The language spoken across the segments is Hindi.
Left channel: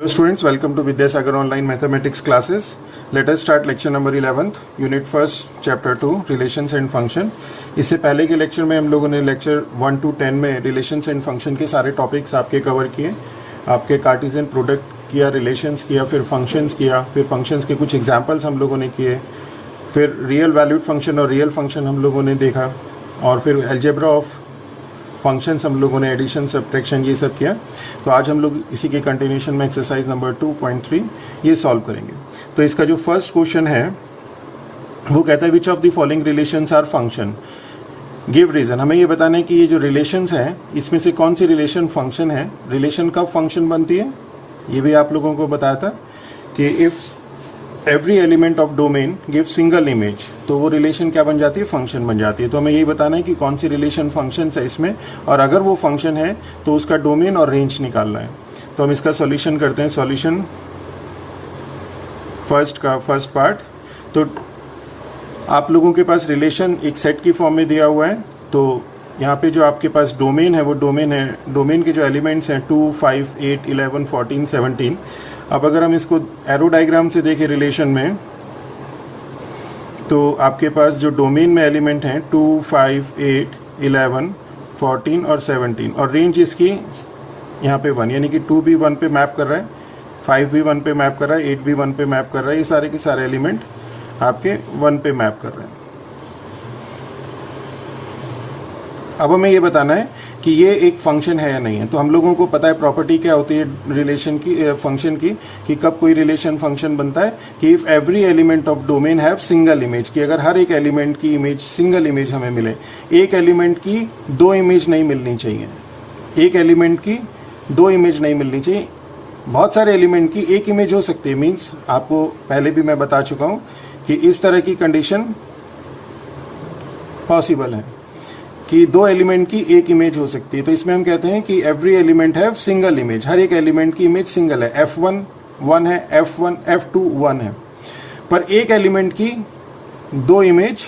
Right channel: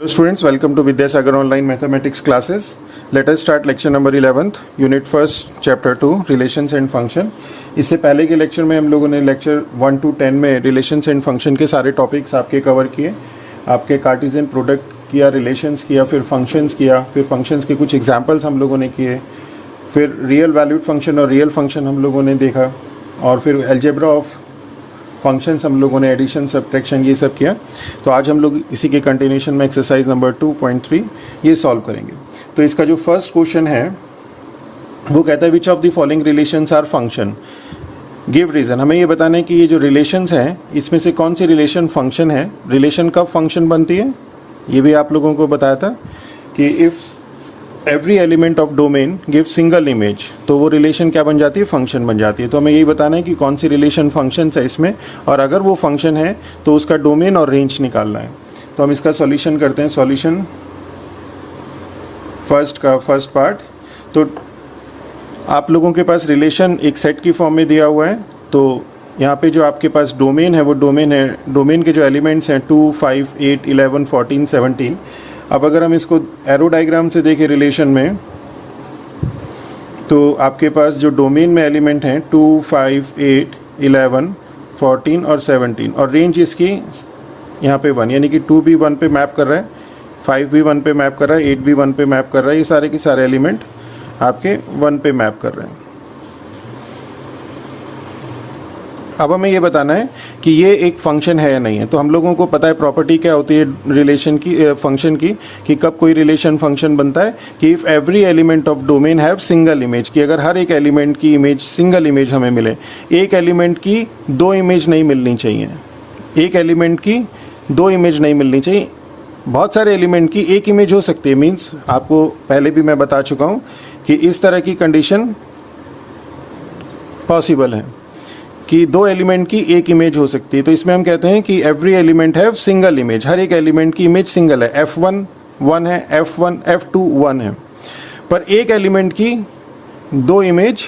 Hello students, welcome to Vidyasagar Online Mathematics classes. Let us start lecture number 11th, Unit 1st, Chapter 2, Relations and Function. इससे पहले के लेक्चर में हम लोगों ने लेक्चर 1 to 10 में रिलेशंस एंड फंक्शन के सारे टॉपिक्स आपके कवर किए. आपके कार्टेशियन प्रोडक्ट किया, रिलेशंस किया, फिर फंक्शंस किया, फिर फंक्शंस के कुछ एग्जांपल्स हम लोगों ने किए, फिर रियल वैल्यूड फंक्शन और रियल फंक्शन हम लोगों ने देखा, और फिर अलजेब्रा ऑफ फंक्शंस हम लोगों ने एडिशन सब्ट्रैक्शन ये सब किया. तो आज हम लोग इसी के कंटिन्यूशन में एक्सरसाइज नंबर 2.3 ये सॉल्व करेंगे. तो इसका जो फर्स्ट क्वेश्चन है वो कहता है which of the following relations are function, give reason. हमें ये बताना है कि ये जो रिलेशंस हैं इसमें से कौन सी रिलेशन फंक्शन है. रिलेशन कब फंक्शन बनती है ये भी आप लोगों को बताया था कि if every element of domain give single image, तो वो रिलेशन क्या बन जाती है, फंक्शन बन जाती है. तो हमें यही बताना है कि कौन सी रिलेशन फंक्शन है इसमें, और अगर वो फंक्शन है तो उसका डोमेन और रेंज निकालना है. तो हम इसका सॉल्यूशन करते हैं. Solution first part. तो आप लोगों के पास रिलेशन एक सेट की फॉर्म में दिया हुआ है. तो यहाँ पे जो आपके पास डोमेन है वो डोमेन है, डोमेन के जो एलिमेंट्स हैं 2, 5, 8, 11, 14, 17. अब अगर हम इसको एरो डायग्राम से देखें रिलेशन में, तो आपके पास जो डोमेन में एलिमेंट हैं 2, 5, 8, 11, 14 और 17, और रेंज इसकी यहाँ पे 1, यानी कि 2 भी 1 पे मैप कर रहा है, 5 भी 1 पे मैप कर रहा है, 8 भी 1 पे मैप कर रहा है. ये सारे के सारे एलिमेंट आपके 1 पे मैप कर रहे हैं. अब हमें ये बताना है कि ये एक फंक्शन है या नहीं है. तो हम लोगों को पता है प्रॉपर्टी क्या होती है रिलेशन की, फंक्शन की, कि कब कोई रिलेशन फंक्शन बनता है कि if every element of domain have single image, कि अगर हर एक एलिमेंट की इमेज सिंगल इमेज हमें मिले. एक एलिमेंट की 2 इमेज नहीं मिलनी चाहिए, एक एलिमेंट की 2 इमेज नहीं मिलनी चाहिए. बहुत सारे एलिमेंट की एक इमेज हो सकती है. मीन्स आपको पहले भी मैं बता चुका हूँ कि इस तरह की कंडीशन पॉसिबल है कि 2 एलिमेंट की एक इमेज हो सकती है. तो इसमें हम कहते हैं कि every element have single image, हर एक एलिमेंट की इमेज सिंगल है. F1 1 है, F2 1 है, पर एक एलिमेंट की 2 इमेज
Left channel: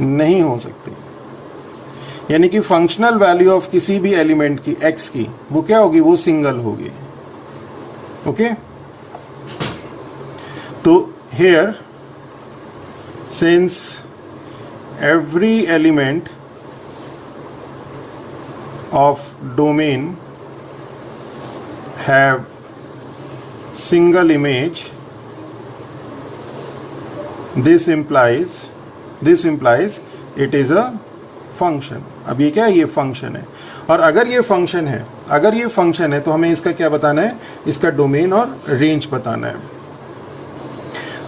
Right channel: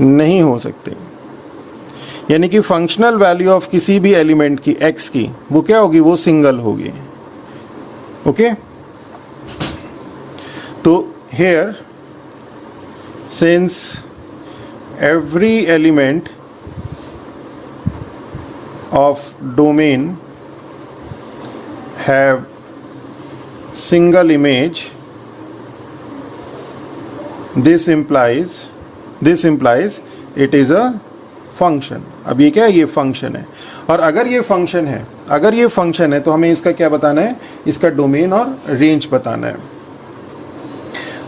नहीं हो सकती. यानी कि फंक्शनल वैल्यू ऑफ किसी भी एलिमेंट की x की वो क्या होगी, वो सिंगल होगी. ओके. तो here since every element of domain have single image, this implies it is a function. अब ये क्या है, ये फंक्शन है. और अगर ये फंक्शन है तो हमें इसका क्या बताना है, इसका डोमेन और रेंज बताना है.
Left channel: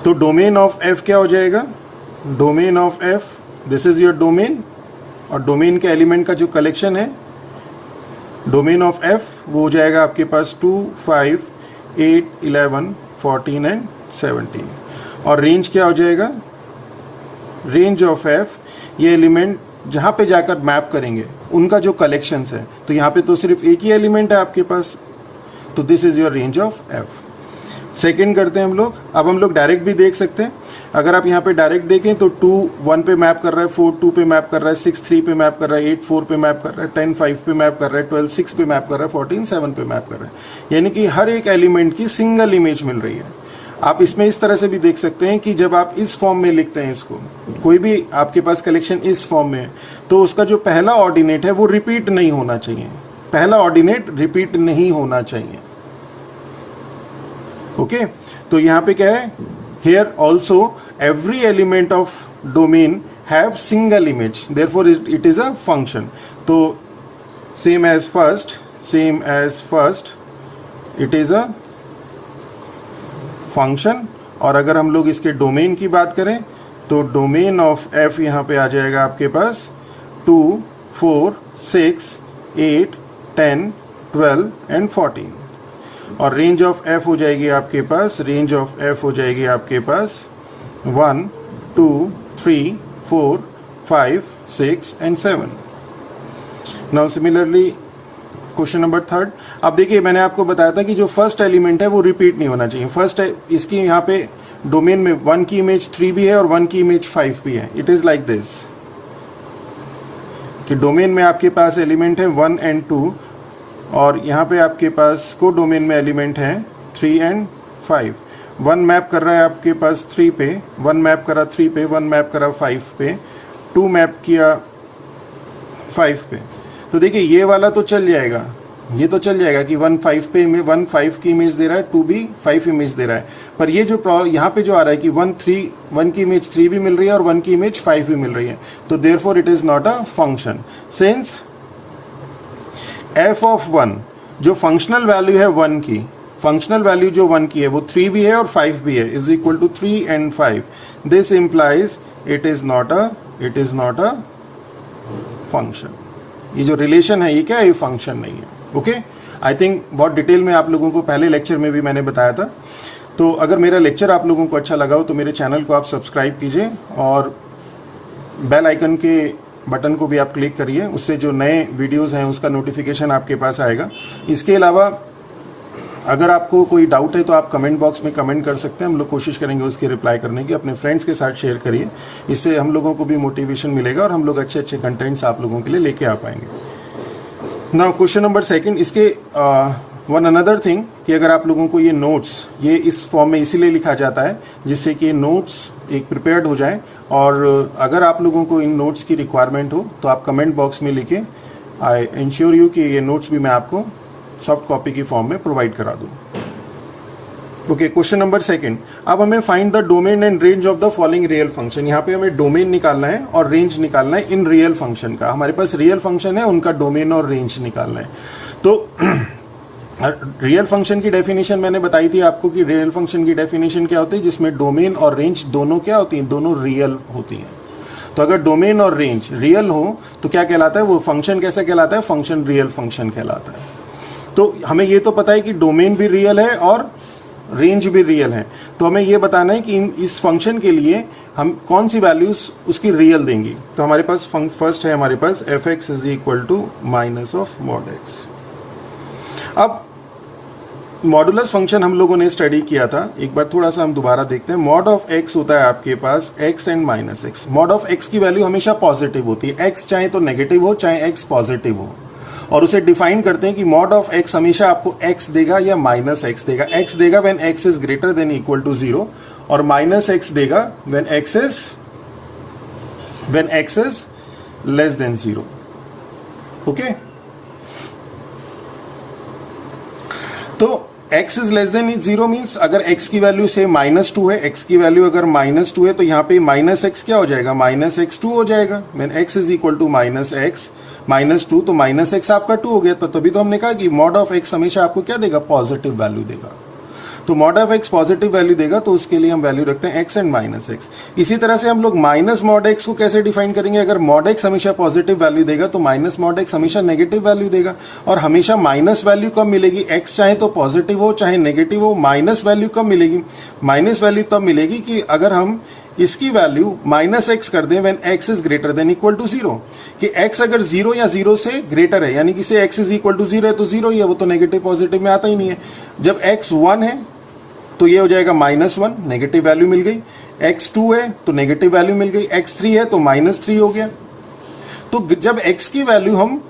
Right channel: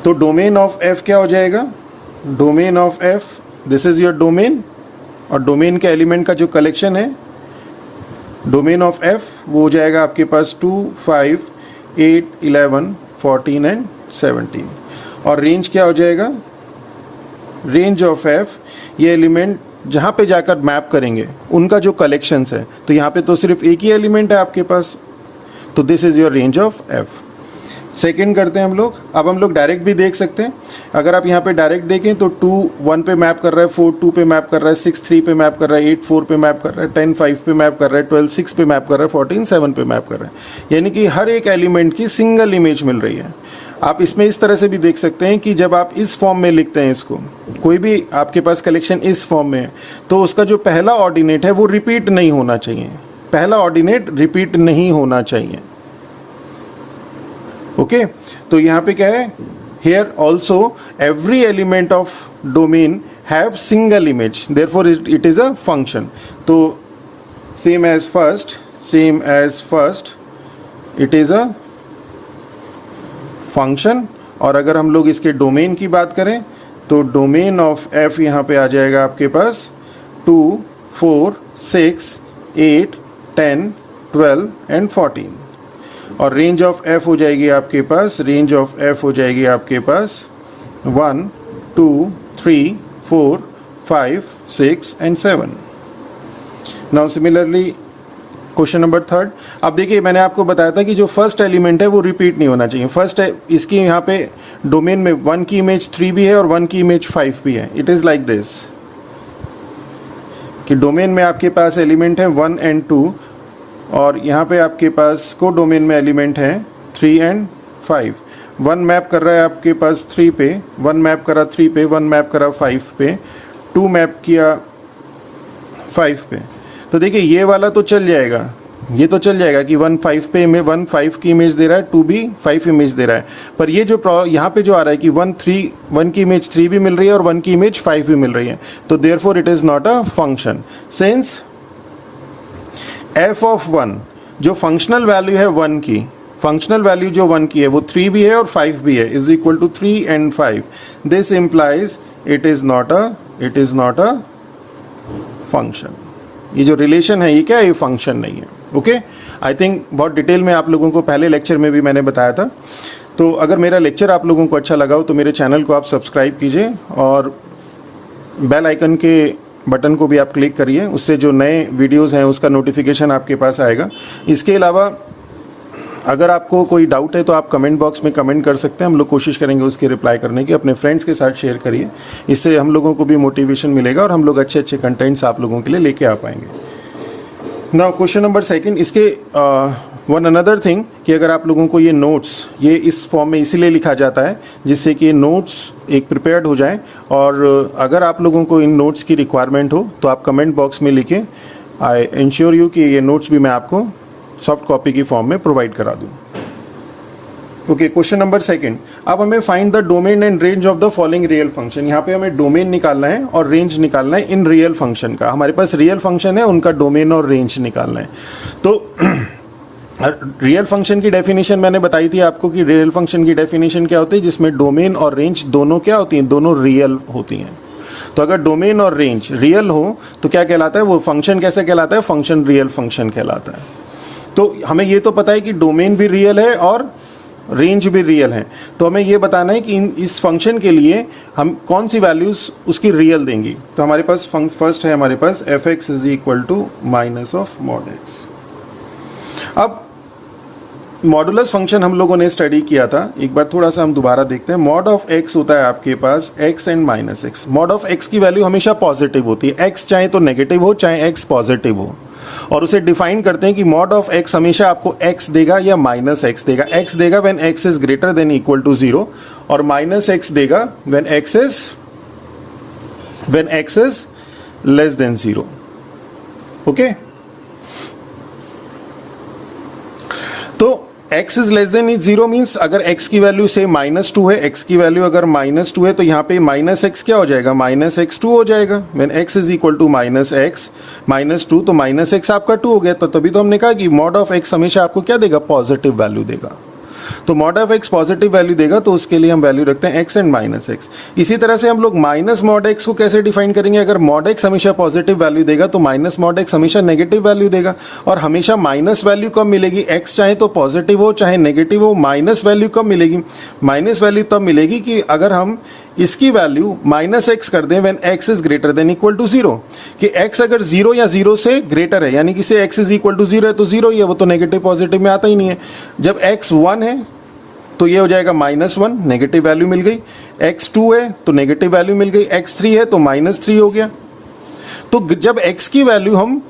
तो डोमेन ऑफ f क्या हो जाएगा, domain of f, this is your domain, और डोमेन के एलिमेंट का जो कलेक्शन है डोमेन ऑफ f वो हो जाएगा आपके पास 2, 5, 8, 11, 14 एंड 17. और रेंज क्या हो जाएगा, रेंज ऑफ f ये एलिमेंट जहाँ पे जाकर मैप करेंगे उनका जो कलेक्शंस है. तो यहाँ पे तो सिर्फ एक ही एलिमेंट है आपके पास, तो this is your range of f. Second करते हैं हम लोग. अब हम लोग डायरेक्ट भी देख सकते हैं. अगर आप यहाँ पे डायरेक्ट देखें तो 2 1 पे मैप कर रहा है, 4 2 पे मैप कर रहा है, 6 3 पे मैप कर रहा है, 8 4 पे मैप कर रहा है, 10 5 पे मैप कर रहा है, 12 6 पे मैप कर रहा है, 14 7 पे मैप कर रहा है. यानी कि हर एक एलिमेंट की सिंगल इमेज मिल रही है. आप इसमें इस तरह से भी देख सकते हैं कि जब आप इस फॉर्म में लिखते हैं इसको, कोई भी आपके पास कलेक्शन इस फॉर्म में है, तो उसका जो पहला ऑर्डिनेट है वो रिपीट नहीं होना चाहिए. पहला ऑर्डिनेट रिपीट नहीं होना चाहिए. ओके. तो यहाँ पे क्या है, here also every element of domain have single image, therefore it is a function. तो same as first it is a function. और अगर हम लोग इसके डोमेन की बात करें तो डोमेन ऑफ f यहाँ पे आ जाएगा आपके पास 2, 4, 6, 8, 10, 12 एंड 14. और रेंज ऑफ f हो जाएगी आपके पास, 1, 2, 3, 4, 5, 6 and 7. Now similarly question number 3. अब देखिए मैंने आपको बताया था कि जो फर्स्ट एलिमेंट है वो रिपीट नहीं होना चाहिए. फर्स्ट है इसकी यहाँ पे डोमेन में 1 की इमेज 3 भी है और 1 की इमेज 5 भी है. इट इज लाइक दिस कि डोमेन में आपके पास एलिमेंट है 1 एंड 2, और यहाँ पे आपके पास को डोमेन में एलिमेंट हैं 3 and 5। 1 मैप कर रहा है आपके पास 3 पे, 1 मैप करा 3 पे, 1 मैप करा 5 पे, 2 मैप किया 5 पे। तो देखिए ये वाला तो चल जाएगा, ये तो चल जाएगा कि 1 5 पे 1 5 की इमेज दे रहा है, 2 भी 5 इमेज दे रहा है। पर ये जो यहाँ पे जो आ रहा है कि 1 की इमेज 3 भी मिल रही है और 1 की इमेज 5 भी मिल रही है, तो therefore it is not a function. Since f of 1 जो फंक्शनल वैल्यू है 1 की, फंक्शनल वैल्यू जो 1 की है वो 3 भी है और 5 भी है, is equal to 3 and 5। This implies it is not a function. ये जो रिलेशन है ये क्या है, ये फंक्शन नहीं है। ओके, आई थिंक बहुत डिटेल में आप लोगों को पहले लेक्चर में भी मैंने बताया था। तो अगर मेरा लेक्चर आप लोगों को अच्छा लगा हो तो मेरे चैनल को आप सब्सक्राइब कीजिए और बेल आइकन के बटन को भी आप क्लिक करिए, उससे जो नए वीडियोस हैं उसका नोटिफिकेशन आपके पास आएगा। इसके अलावा अगर आपको कोई डाउट है तो आप कमेंट बॉक्स में कमेंट कर सकते हैं, हम लोग कोशिश करेंगे उसकी रिप्लाई करने की। अपने फ्रेंड्स के साथ शेयर करिए, इससे हम लोगों को भी मोटिवेशन मिलेगा और हम लोग अच्छे अच्छे कंटेंट्स आप लोगों के लिए लेके आ पाएंगे। नाउ क्वेश्चन नंबर 2, इसके वन अनदर थिंग कि अगर आप लोगों को ये नोट्स ये इस फॉर्म में इसीलिए लिखा जाता है जिससे कि नोट्स एक प्रिपेयर्ड हो जाए, और अगर आप लोगों को इन नोट्स की रिक्वायरमेंट हो तो आप कमेंट बॉक्स में लिखें। आई इंश्योर यू कि ये नोट्स भी मैं आपको सॉफ्ट कॉपी की फॉर्म में प्रोवाइड करा दूं। ओके, क्वेश्चन नंबर 2, अब हमें find the domain and range of the following real function. यहाँ पे हमें डोमेन निकालना है और रेंज निकालना है इन रियल फंक्शन का। हमारे पास रियल फंक्शन है, उनका डोमेन और रेंज निकालना है। तो रियल फंक्शन की डेफिनेशन मैंने बताई थी आपको कि रियल फंक्शन की डेफिनेशन क्या होती है, जिसमें डोमेन और रेंज दोनों क्या होती हैं, दोनों रियल होती हैं। तो अगर डोमेन और रेंज रियल हो तो क्या कहलाता है, वो फंक्शन कैसे कहलाता है, फंक्शन रियल फंक्शन कहलाता है। तो हमें ये तो पता है कि डोमेन भी रियल है और रेंज भी रियल है, तो हमें ये बताना है कि इस फंक्शन के लिए हम कौन सी वैल्यूज उसकी रियल देंगी। तो हमारे पास फर्स्ट है हमारे पास f(x) is equal to minus of mod x. अब मॉडुलस फंक्शन हम लोगों ने स्टडी किया था, एक बार थोड़ा सा हम दोबारा देखते हैं। मॉड ऑफ x होता है आपके पास x and minus x. Mod of x की वैल्यू हमेशा पॉजिटिव होती है, x चाहे तो नेगेटिव हो चाहे x पॉजिटिव हो, और उसे डिफाइन करते हैं कि मॉड ऑफ x हमेशा आपको x देगा या माइनस x देगा। x देगा when x is greater than equal to 0 और माइनस x देगा when x is less than 0। Okay, तो x is less than 0 means अगर x की वैल्यू से -2 है, x की वैल्यू अगर -2 है तो यहाँ पे माइनस एक्स क्या हो जाएगा, माइनस x2 हो जाएगा। When x is equal to minus x -2 तो माइनस एक्स आपका 2 हो गया। तो तभी तो हमने कहा कि मॉड ऑफ x हमेशा आपको क्या देगा, पॉजिटिव वैल्यू देगा। तो mod of x positive value देगा तो उसके लिए हम वैल्यू रखते हैं x एंड माइनस एक्स। इसी तरह से हम लोग माइनस मॉड x को कैसे डिफाइन करेंगे, अगर मॉड x हमेशा पॉजिटिव वैल्यू देगा तो माइनस मॉड x हमेशा नेगेटिव वैल्यू देगा। और हमेशा माइनस वैल्यू कब मिलेगी, x चाहे तो पॉजिटिव हो चाहे नेगेटिव हो, माइनस वैल्यू कब मिलेगी, माइनस वैल्यू तब मिलेगी कि अगर हम इसकी वैल्यू माइनस एक्स कर दें when x is greater than equal to 0, कि x अगर 0 या 0 से ग्रेटर है यानी कि से x इज इक्वल टू 0 है तो 0 ही है, वो तो नेगेटिव पॉजिटिव में आता ही नहीं है। जब x 1 है तो ये हो जाएगा -1, नेगेटिव वैल्यू मिल गई। x2 है तो नेगेटिव वैल्यू मिल गई, x3 है तो -3 हो गया। तो जब x की वैल्यू हम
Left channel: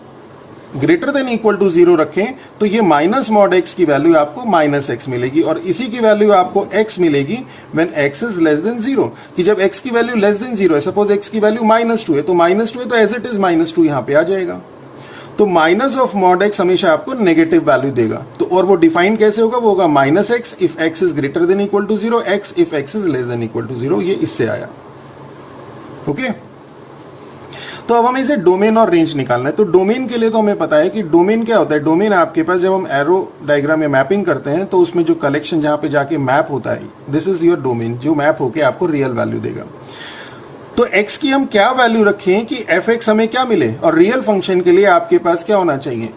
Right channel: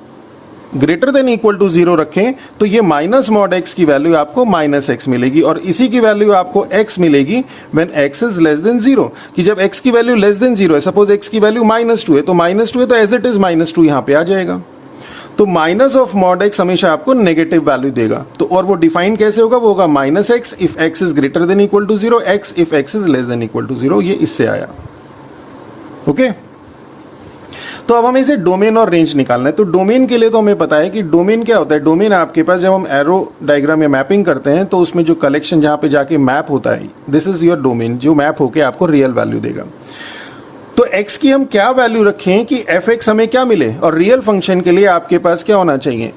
ग्रेटर देन इक्वल टू 0 रखें तो ये माइनस मॉड x की वैल्यू आपको -x मिलेगी, और इसी की वैल्यू आपको x मिलेगी when x is less than 0, कि जब x की वैल्यू लेस देन 0 है, सपोज x की वैल्यू -2 है तो -2 है तो एज इट इज -2 यहाँ पे आ जाएगा। तो माइनस ऑफ मॉड x हमेशा आपको नेगेटिव वैल्यू देगा। तो और वो डिफाइन कैसे होगा, वो होगा -x if x is greater than equal to 0, x if x is less than equal to 0। ये इससे आया। ओके, तो अब हमें इसे डोमेन और रेंज निकालना है। तो डोमेन के लिए तो हमें पता है कि डोमेन क्या होता है। डोमेन आपके पास जब हम एरो डायग्राम में मैपिंग करते हैं तो उसमें जो कलेक्शन जहां पे जाके मैप होता है, दिस इज योर डोमेन, जो मैप होके आपको रियल वैल्यू देगा। तो x की हम क्या वैल्यू रखें कि f(x) हमें क्या मिले, और रियल फंक्शन के लिए आपके पास क्या होना चाहिए,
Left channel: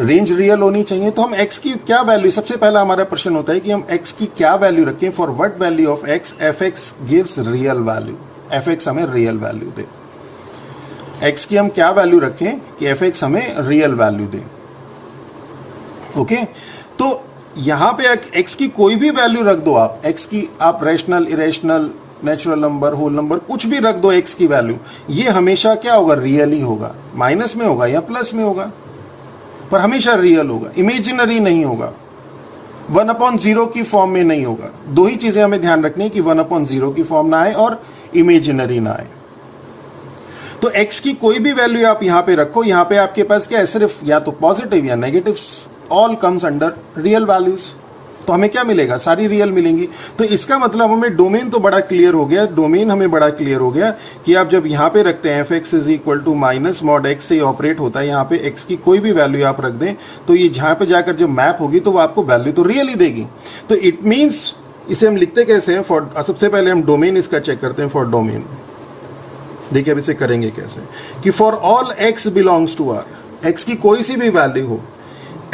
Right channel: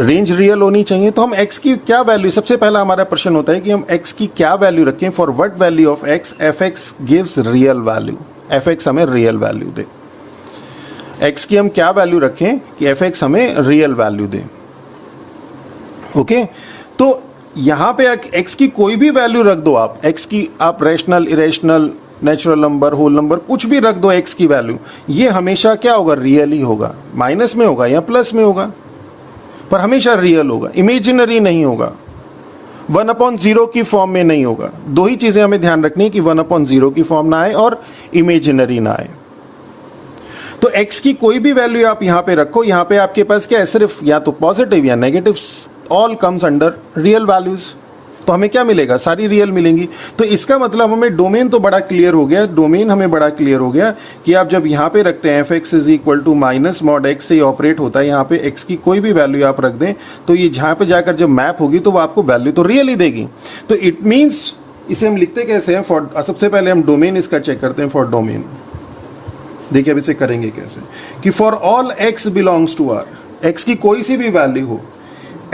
रेंज रियल होनी चाहिए। तो हम x की क्या वैल्यू, सबसे पहला हमारा प्रश्न होता है कि हम x की क्या वैल्यू रखें, for what value of x f(x) gives real value, f(x) हमें रियल वैल्यू दे। x की हम क्या वैल्यू रखें कि f(x) हमें रियल वैल्यू दे। ओके, तो यहां पे x की कोई भी वैल्यू रख दो आप, x की आप rational, irrational, natural number, whole number, कुछ भी रख दो x की वैल्यू, ये हमेशा क्या होगा, रियल ही होगा, माइनस में होगा या प्लस में होगा। पर हमेशा रियल होगा, इमेजिनरी नहीं होगा, 1/0 की फॉर्म में नहीं होगा। दो ही चीजें हमें ध्यान रखनी है कि 1/0 की फॉर्म ना आए और इमेजिनरी ना आए। तो x की कोई भी वैल्यू आप यहां पे रखो, यहां पे आपके पास क्या है, सिर्फ या तो पॉजिटिव या negative, all comes under real values. तो हमें क्या मिलेगा, सारी रियल मिलेंगी। तो इसका मतलब हमें डोमेन तो बड़ा क्लियर हो गया, डोमेन हमें बड़ा क्लियर हो गया कि आप जब यहां पे रखते हैं f(x) = माइनस मॉड x से ऑपरेट होता है, यहां पे x की कोई भी वैल्यू आप रख दें तो ये जहां पे जाकर जब मैप होगी तो वो आपको वैल्यू तो रियल ही देगी। तो इट मीन्स इसे हम लिखते कैसे हैं, फॉर, सबसे पहले हम डोमेन इसका चेक करते हैं। फॉर डोमेन देखिए अब इसे करेंगे कैसे, कि for all x belongs to r, x की कोई सी भी वैल्यू हो,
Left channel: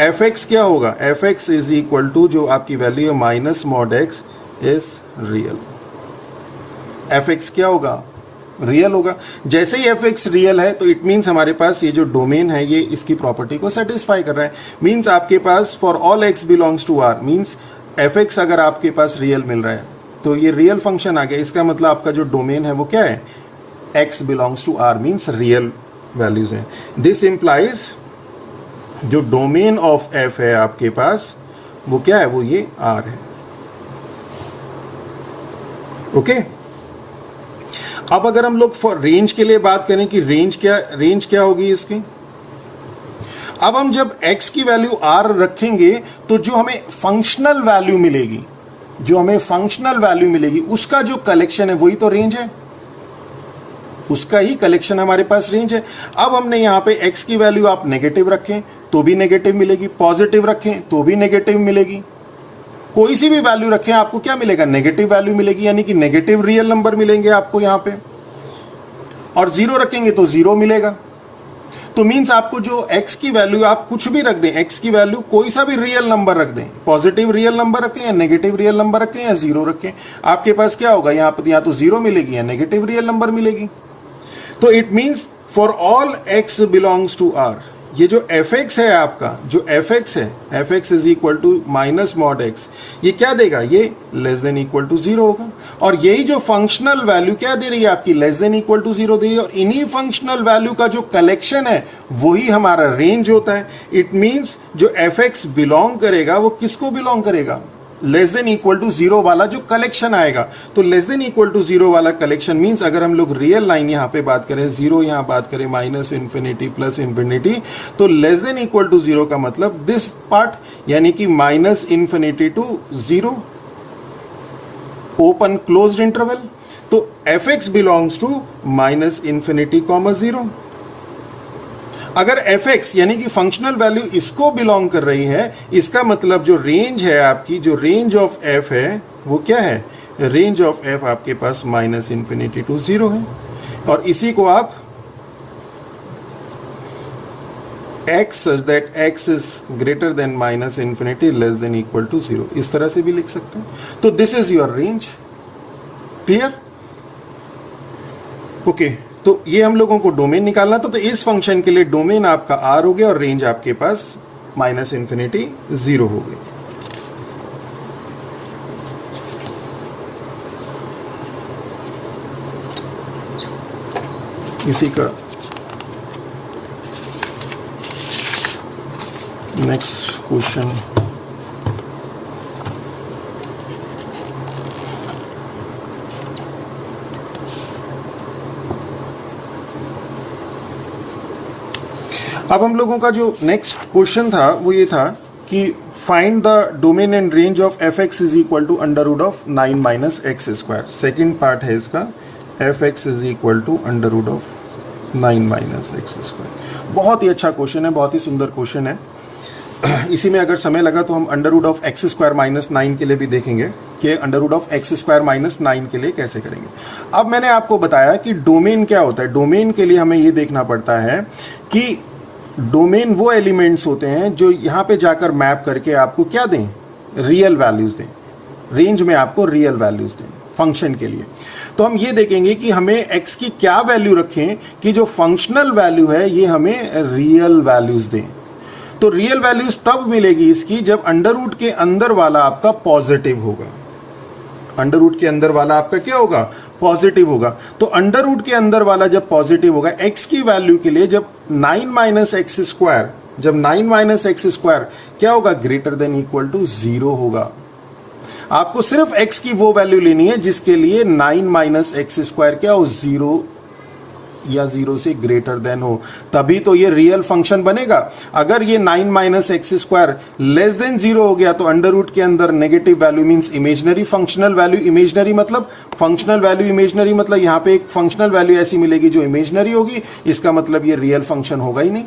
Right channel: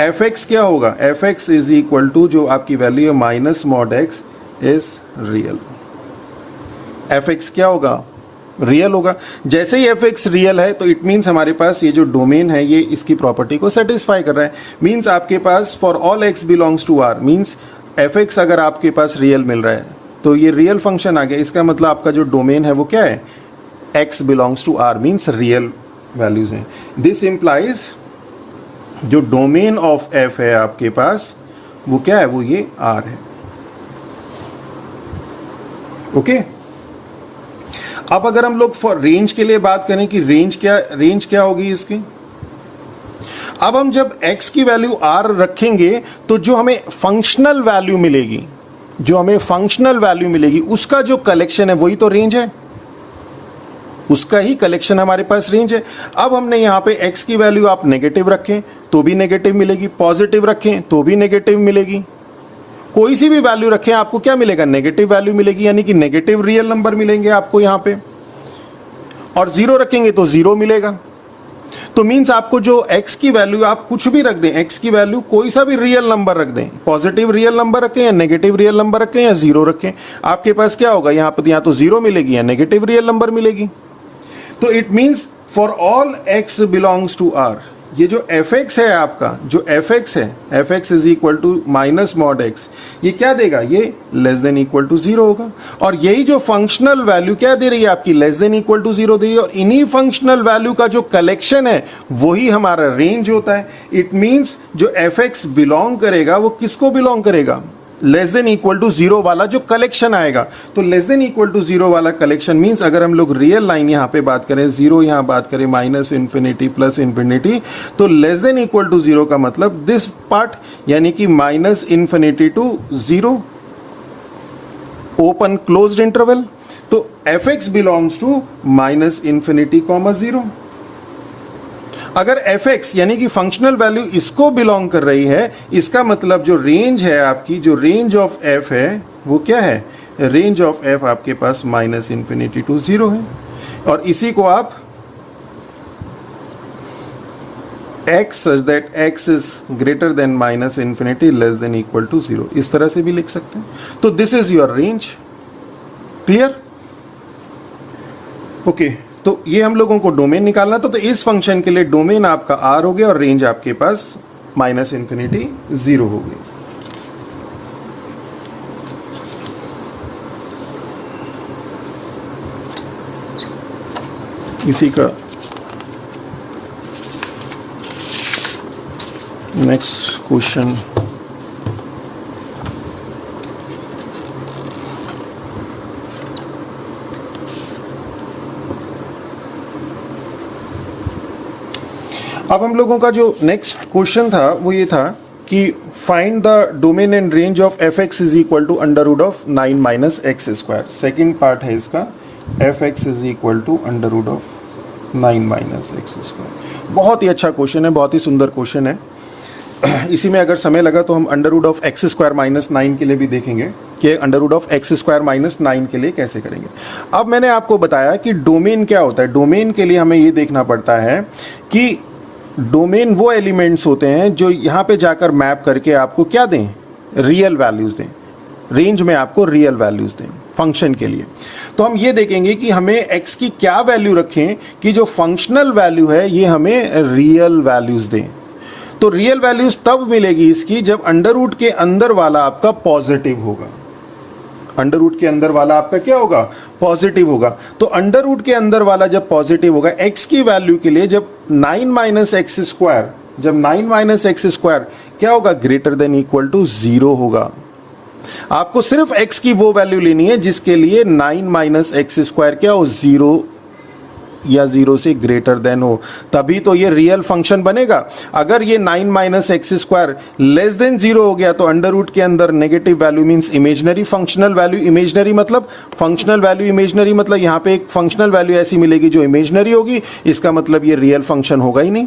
f(x) क्या होगा, f(x) = जो आपकी वैल्यू है minus mod x is real. f(x) क्या होगा, रियल होगा। जैसे ही f(x) रियल है तो इट मीन्स हमारे पास ये जो डोमेन है ये इसकी प्रॉपर्टी को सेटिस्फाई कर रहा है। मीन्स आपके पास for all x belongs to r, means f(x) अगर आपके पास रियल मिल रहा है तो ये रियल फंक्शन आ गया। इसका मतलब आपका जो डोमेन है वो क्या है, x belongs to r, means real values हैं। दिस इंप्लाइज जो डोमेन ऑफ f है आपके पास वो क्या है, वो ये r है। ओके अब अगर हम लोग फॉर रेंज के लिए बात करें कि रेंज क्या होगी इसकी, अब हम जब x की वैल्यू r रखेंगे तो जो हमें फंक्शनल वैल्यू मिलेगी, उसका जो कलेक्शन है वही तो रेंज है, उसका ही कलेक्शन हमारे पास रेंज है। अब हमने यहां पे x की वैल्यू आप नेगेटिव रखें तो भी नेगेटिव मिलेगी, पॉजिटिव रखें तो भी नेगेटिव मिलेगी, कोई सी भी वैल्यू रखें आपको क्या मिलेगा, नेगेटिव वैल्यू मिलेगी, यानी कि नेगेटिव रियल नंबर मिलेंगे आपको यहां पे। और 0 रखेंगे तो 0 मिलेगा। तो मींस आपको जो x की वैल्यू आप कुछ भी रख दें, x की वैल्यू कोई सा भी रियल नंबर रख दें, पॉजिटिव रियल नंबर रखें या नेगेटिव रियल नंबर रखें या 0 रखें, आपके पास क्या होगा, यहां पर या तो 0 मिलेगी या नेगेटिव रियल नंबर मिलेगी। तो it means for all x belongs to r, ये जो f(x) है आपका, जो f(x) है, f(x) = माइनस मॉड x, ये क्या देगा, ये लेस देन इक्वल टू 0 होगा। और यही जो फंक्शनल वैल्यू क्या दे रही है आपकी, लेस देन इक्वल टू 0 दे रही है। और इन्हीं फंक्शनल वैल्यू का जो कलेक्शन है वही हमारा रेंज होता है। इट मीन्स जो f(x) बिलोंग करेगा वो किसको बिलोंग करेगा, लेस देन इक्वल टू 0 वाला जो कलेक्शन आएगा। तो लेस देन इक्वल टू 0 वाला कलेक्शन मींस अगर हम लोग रियल लाइन यहां पे बात करें, 0 यहां बात करें, माइनस इन्फिनिटी प्लस इन्फिनिटी, तो लेस देन इक्वल टू 0 का मतलब दिस पार्ट, यानी कि minus infinity to 0 open closed interval. तो f(x) belongs to minus infinity comma 0। अगर f(x) यानी कि फंक्शनल वैल्यू इसको बिलोंग कर रही है, इसका मतलब जो रेंज है आपकी, जो रेंज ऑफ f है वो क्या है, रेंज ऑफ f आपके पास माइनस इन्फिनिटी टू 0 है। और इसी को आप x such that x is greater than minus infinity less than equal to 0 इस तरह से भी लिख सकते हैं। तो this is your range. Clear? Okay तो ये हम लोगों को डोमेन निकालना था। तो इस फंक्शन के लिए डोमेन आपका r हो गया और रेंज आपके पास माइनस इन्फिनिटी 0 हो गई। इसी का नेक्स्ट क्वेश्चन, अब हम लोगों का जो नेक्स्ट क्वेश्चन था वो ये था कि find the domain and range of f(x) is equal to under root of 9 minus x square. Second part है इसका, f(x) is equal to under root of 9 minus x square. बहुत ही अच्छा क्वेश्चन है, बहुत ही सुंदर क्वेश्चन है। इसी में अगर समय लगा तो हम under root of x square minus 9 के लिए भी देखेंगे कि under root of x square minus 9 के लिए कैसे करेंगे। अब मैंने आपको बताया कि डोमेन क्या होता है। डोमेन के लिए हमें ये देखना पड़ता है कि डोमेन वो एलिमेंट्स होते हैं जो यहाँ पे जाकर मैप करके आपको क्या दें, रियल वैल्यूज दें, रेंज में आपको रियल वैल्यूज दें फंक्शन के लिए। तो हम ये देखेंगे कि हमें x की क्या वैल्यू रखें कि जो फंक्शनल वैल्यू है ये हमें रियल वैल्यूज दें। तो रियल वैल्यूज तब मिलेगी इसकी जब अंडर रूट के अंदर वाला आपका पॉजिटिव होगा। अंडर रूट के अंदर वाला आपका क्या होगा, पॉजिटिव होगा। तो अंडर रूट के अंदर वाला जब पॉजिटिव होगा, x की वैल्यू के लिए जब 9 माइनस एक्स स्क्वायर जब 9 माइनस एक्स स्क्वायर क्या होगा, ग्रेटर देन इक्वल टू 0 होगा। आपको सिर्फ x की वो वैल्यू लेनी है जिसके लिए 9 माइनस एक्स स्क्वायर क्या हो, 0 या 0 से ग्रेटर देन हो, तभी तो ये रियल फंक्शन बनेगा। अगर ये 9 minus x square less than 0 हो गया तो अंडर रूट के अंदर negative value means imaginary, functional value imaginary, मतलब फंक्शनल वैल्यू इमेजनरी, मतलब यहां पे एक फंक्शनल वैल्यू ऐसी मिलेगी जो इमेजनरी होगी, इसका मतलब ये रियल फंक्शन होगा ही नहीं,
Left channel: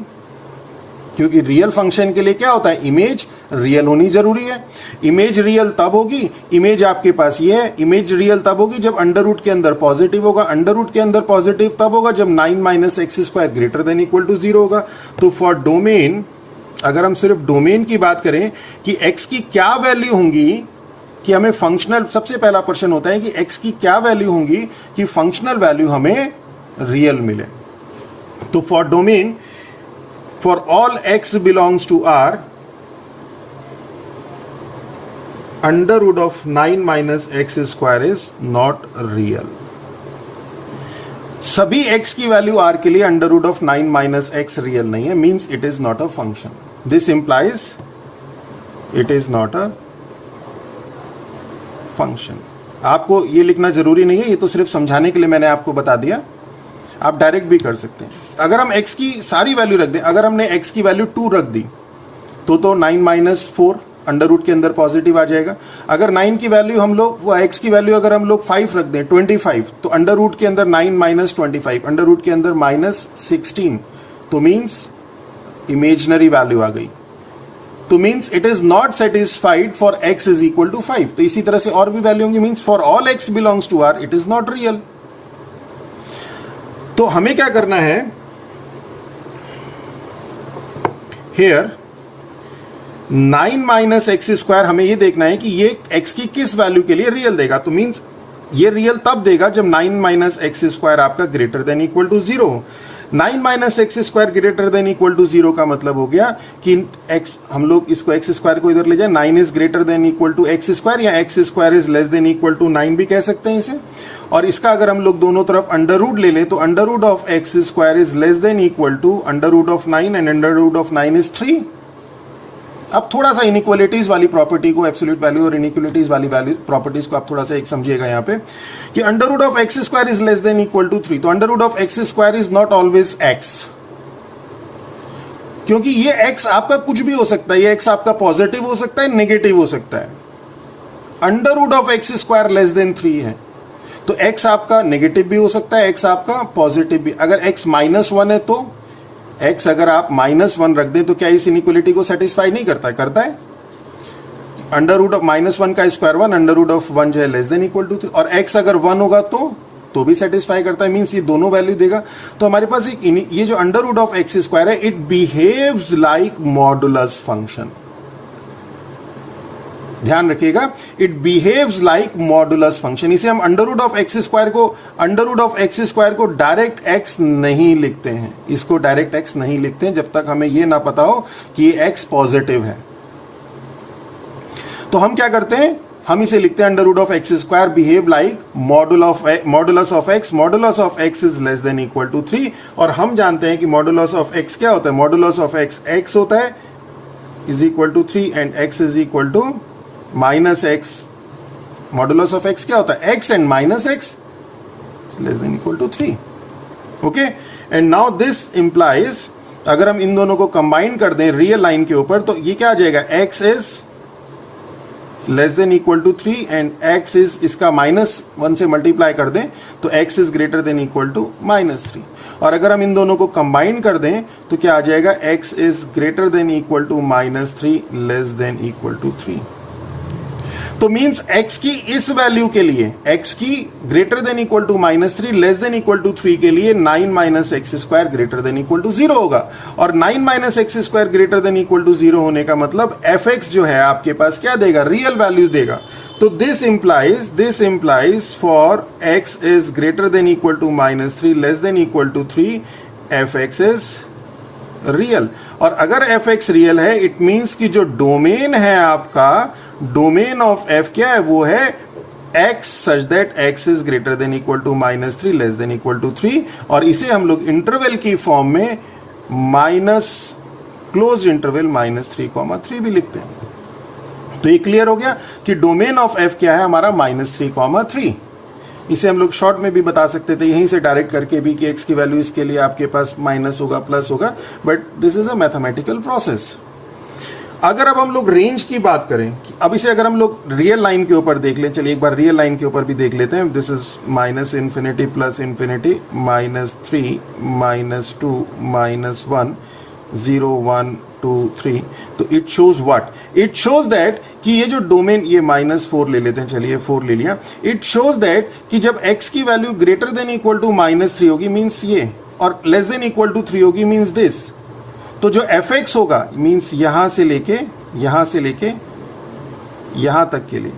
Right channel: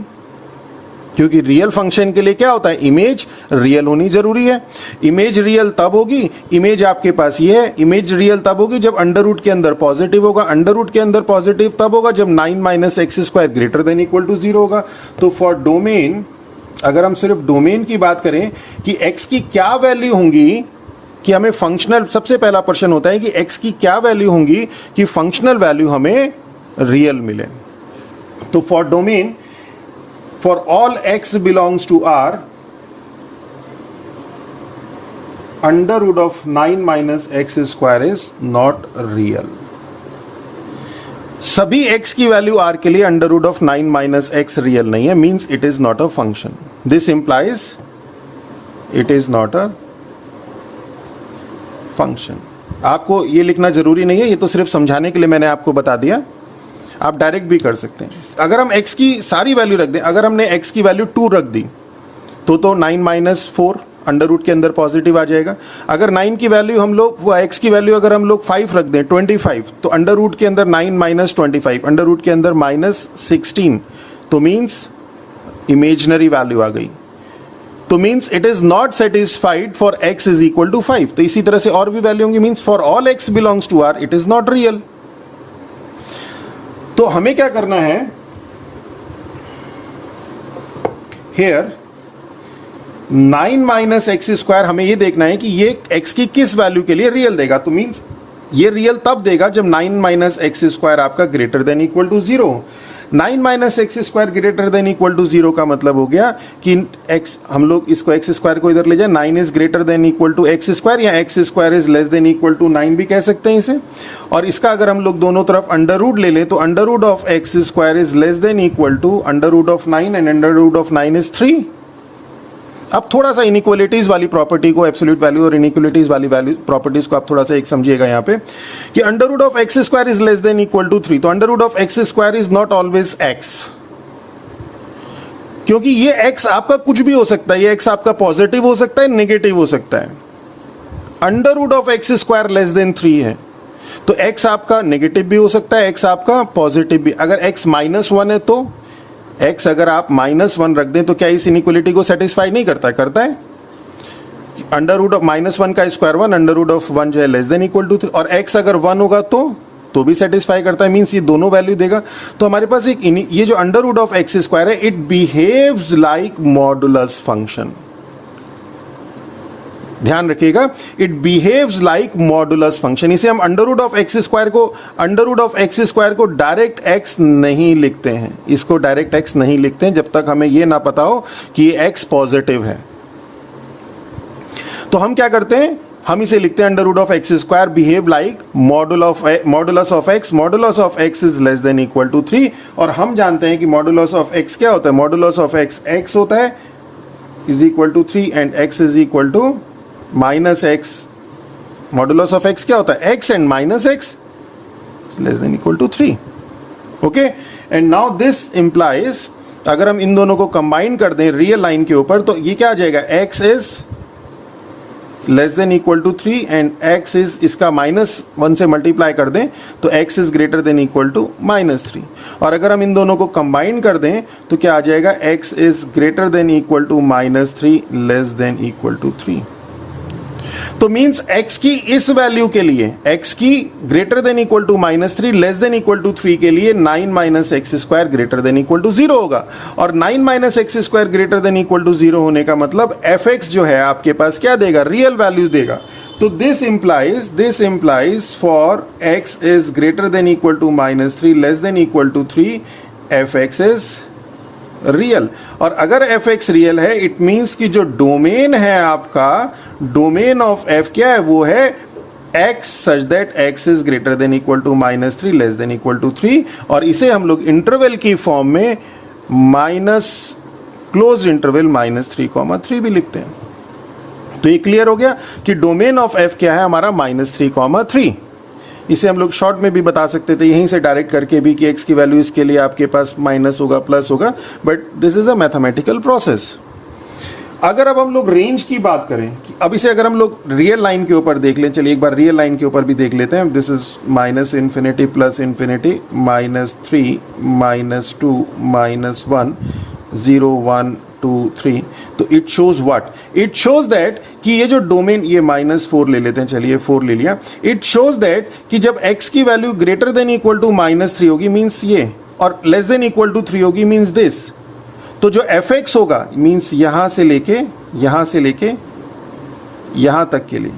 क्योंकि रियल फंक्शन के लिए क्या होता है, इमेज रियल होनी जरूरी है। इमेज रियल तब होगी, इमेज आपके पास ये है, इमेज रियल तब होगी जब अंडर रूट के अंदर पॉजिटिव होगा, अंडर रूट के अंदर पॉजिटिव तब होगा जब 9 minus x square greater than equal to 0 होगा। तो फॉर डोमेन, अगर हम सिर्फ डोमेन की बात करें कि एक्स की क्या वैल्यू होंगी कि हमें फंक्शनल, सबसे पहला प्रश्न होता है कि एक्स की क्या वैल्यू होंगी कि फंक्शनल वैल्यू हमें रियल मिले। तो for domain, for all x belongs to R, under root of 9 minus x square is not real. सभी x की वैल्यू R के लिए under root of 9 minus x real नहीं है, means it is not a function. This implies it is not a function. आपको ये लिखना जरूरी नहीं है, ये तो सिर्फ समझाने के लिए मैंने आपको बता दिया, आप डायरेक्ट भी कर सकते हैं। अगर हम x की सारी वैल्यू रख दें, अगर हमने x की वैल्यू 2 रख दी तो 9 माइनस 4 अंडर रूट के अंदर पॉजिटिव आ जाएगा। अगर 9 की वैल्यू हम लोग, वो x की वैल्यू अगर हम लोग 5 रख दें 25, तो अंडर रूट के अंदर 9 माइनस 25, अंडर रूट के अंदर माइनस 16, तो मीन्स इमेजनरी वैल्यू आ गई, तो means it is not satisfied for x is equal to 5। तो इसी तरह से और भी वैल्यू होंगी, means for all x belongs to R it is not real. तो हमें क्या करना है, हेयर 9 माइनस एक्स स्क्वायर, हमें ये देखना है कि ये x की किस वैल्यू के लिए रियल देगा। तो मींस ये रियल तब देगा जब 9 माइनस एक्स स्क्वायर आपका greater than equal to 0। 9 minus x square greater than equal to 0 का मतलब हो गया कि x, हम लोग इसको एक्स स्क्वायर को इधर ले जाए, 9 is greater than equal to x square, या x square is less than equal to 9 भी कह सकते हैं इसे। और इसका अगर हम लोग दोनों तरफ अंडर रूट ले लें तो under root of x square is less than equal to under root of 9 and under root of 9 is 3। अब थोड़ा सा इनइक्वालिटीज वाली प्रॉपर्टी को, एब्सोल्यूट वैल्यू और इनइक्वालिटीज वाली वैल्यू प्रॉपर्टीज को आप थोड़ा सा एक समझिएगा यहाँ पे कि under root of x square is less than equal to 3, तो under root of x square is not always x, क्योंकि ये x आपका कुछ भी हो सकता है, ये x आपका पॉजिटिव हो सकता है, नेगेटिव हो सकता है। Under root of x square less than 3 है, तो x आपका नेगेटिव भी हो सकता है, x आपका पॉजिटिव भी। अगर x माइनस 1 है तो x अगर आप माइनस 1 रख दें तो क्या इस इनइक्वालिटी को सेटिस्फाई नहीं करता, करता है। अंडर रूट ऑफ माइनस 1 का स्क्वायर 1, अंडर रूट ऑफ 1 जो है लेस देन इक्वल टू 3, और x अगर 1 होगा तो भी सेटिस्फाई करता है, मींस ये दोनों वैल्यू देगा। तो हमारे पास एक ये जो under root of x square है, it behaves like modulus function. ध्यान रखिएगा, it behaves like modulus function. इसे हम under root of x square को डायरेक्ट एक्स नहीं लिखते हैं, इसको डायरेक्ट एक्स नहीं लिखते हैं जब तक हमें यह ना पता हो कि ये एक्स पॉजिटिव है। तो हम क्या करते हैं, हम इसे लिखते हैं under root of x square behave like modulus of x is less than equal to 3। और हम जानते हैं कि मॉडुलस ऑफ एक्स क्या होता है, मॉडुलस ऑफ एक्स होता है is equal to 3 and x is equal to minus x. Modulus of x क्या होता है, x and minus x less than equal to 3। Okay, and now this implies, अगर हम इन दोनों को कंबाइन कर दें रियल लाइन के ऊपर तो ये क्या आ जाएगा, x is less than equal to 3 and x is, इसका -1 से मल्टीप्लाई कर दें तो x is greater than equal to -3। और अगर हम इन दोनों को कंबाइन कर दें तो क्या आ जाएगा, x is greater than equal to -3 less than equal to 3। तो मींस x की इस वैल्यू के लिए, x की greater than equal to -3 less than equal to 3 के लिए 9 minus x square greater than equal to 0 होगा। और 9 minus x square greater than equal to 0 होने का मतलब fx जो है आपके पास क्या देगा, रियल वैल्यू देगा। तो this implies for x is greater than equal to -3 less than equal to 3 fx is real. और अगर fx रियल है इट मींस कि जो डोमेन है आपका, डोमेन ऑफ f क्या है, वो है x such that x is greater than equal to -3 less than equal to 3। और इसे हम लोग इंटरवल की फॉर्म में क्लोज इंटरवल -3, भी लिखते हैं। तो ये क्लियर हो गया कि डोमेन ऑफ एफ क्या है हमारा -3, इसे हम लोग शॉर्ट में भी बता सकते थे यहीं से डायरेक्ट करके भी कि एक्स की वैल्यू इसके लिए आपके पास माइनस होगा प्लस होगा, but this is a mathematical process. अगर अब हम लोग रेंज की बात करें, अब इसे अगर हम लोग रियल लाइन के ऊपर देख लें, चलिए एक बार रियल लाइन के ऊपर भी देख लेते हैं। This is -∞ plus infinity -3 -2 -1 0 1 2 3। तो it shows what? It shows that कि ये जो डोमेन, ये -4 ले लेते हैं, चलिए 4 ले लिया। इट शोज दैट कि जब x की value greater than equal to -3 होगी मीन्स ये, और लेस देन इक्वल टू 3 होगी मीन्स दिस। तो जो fx होगा मीन्स यहां से लेके यहां तक के लिए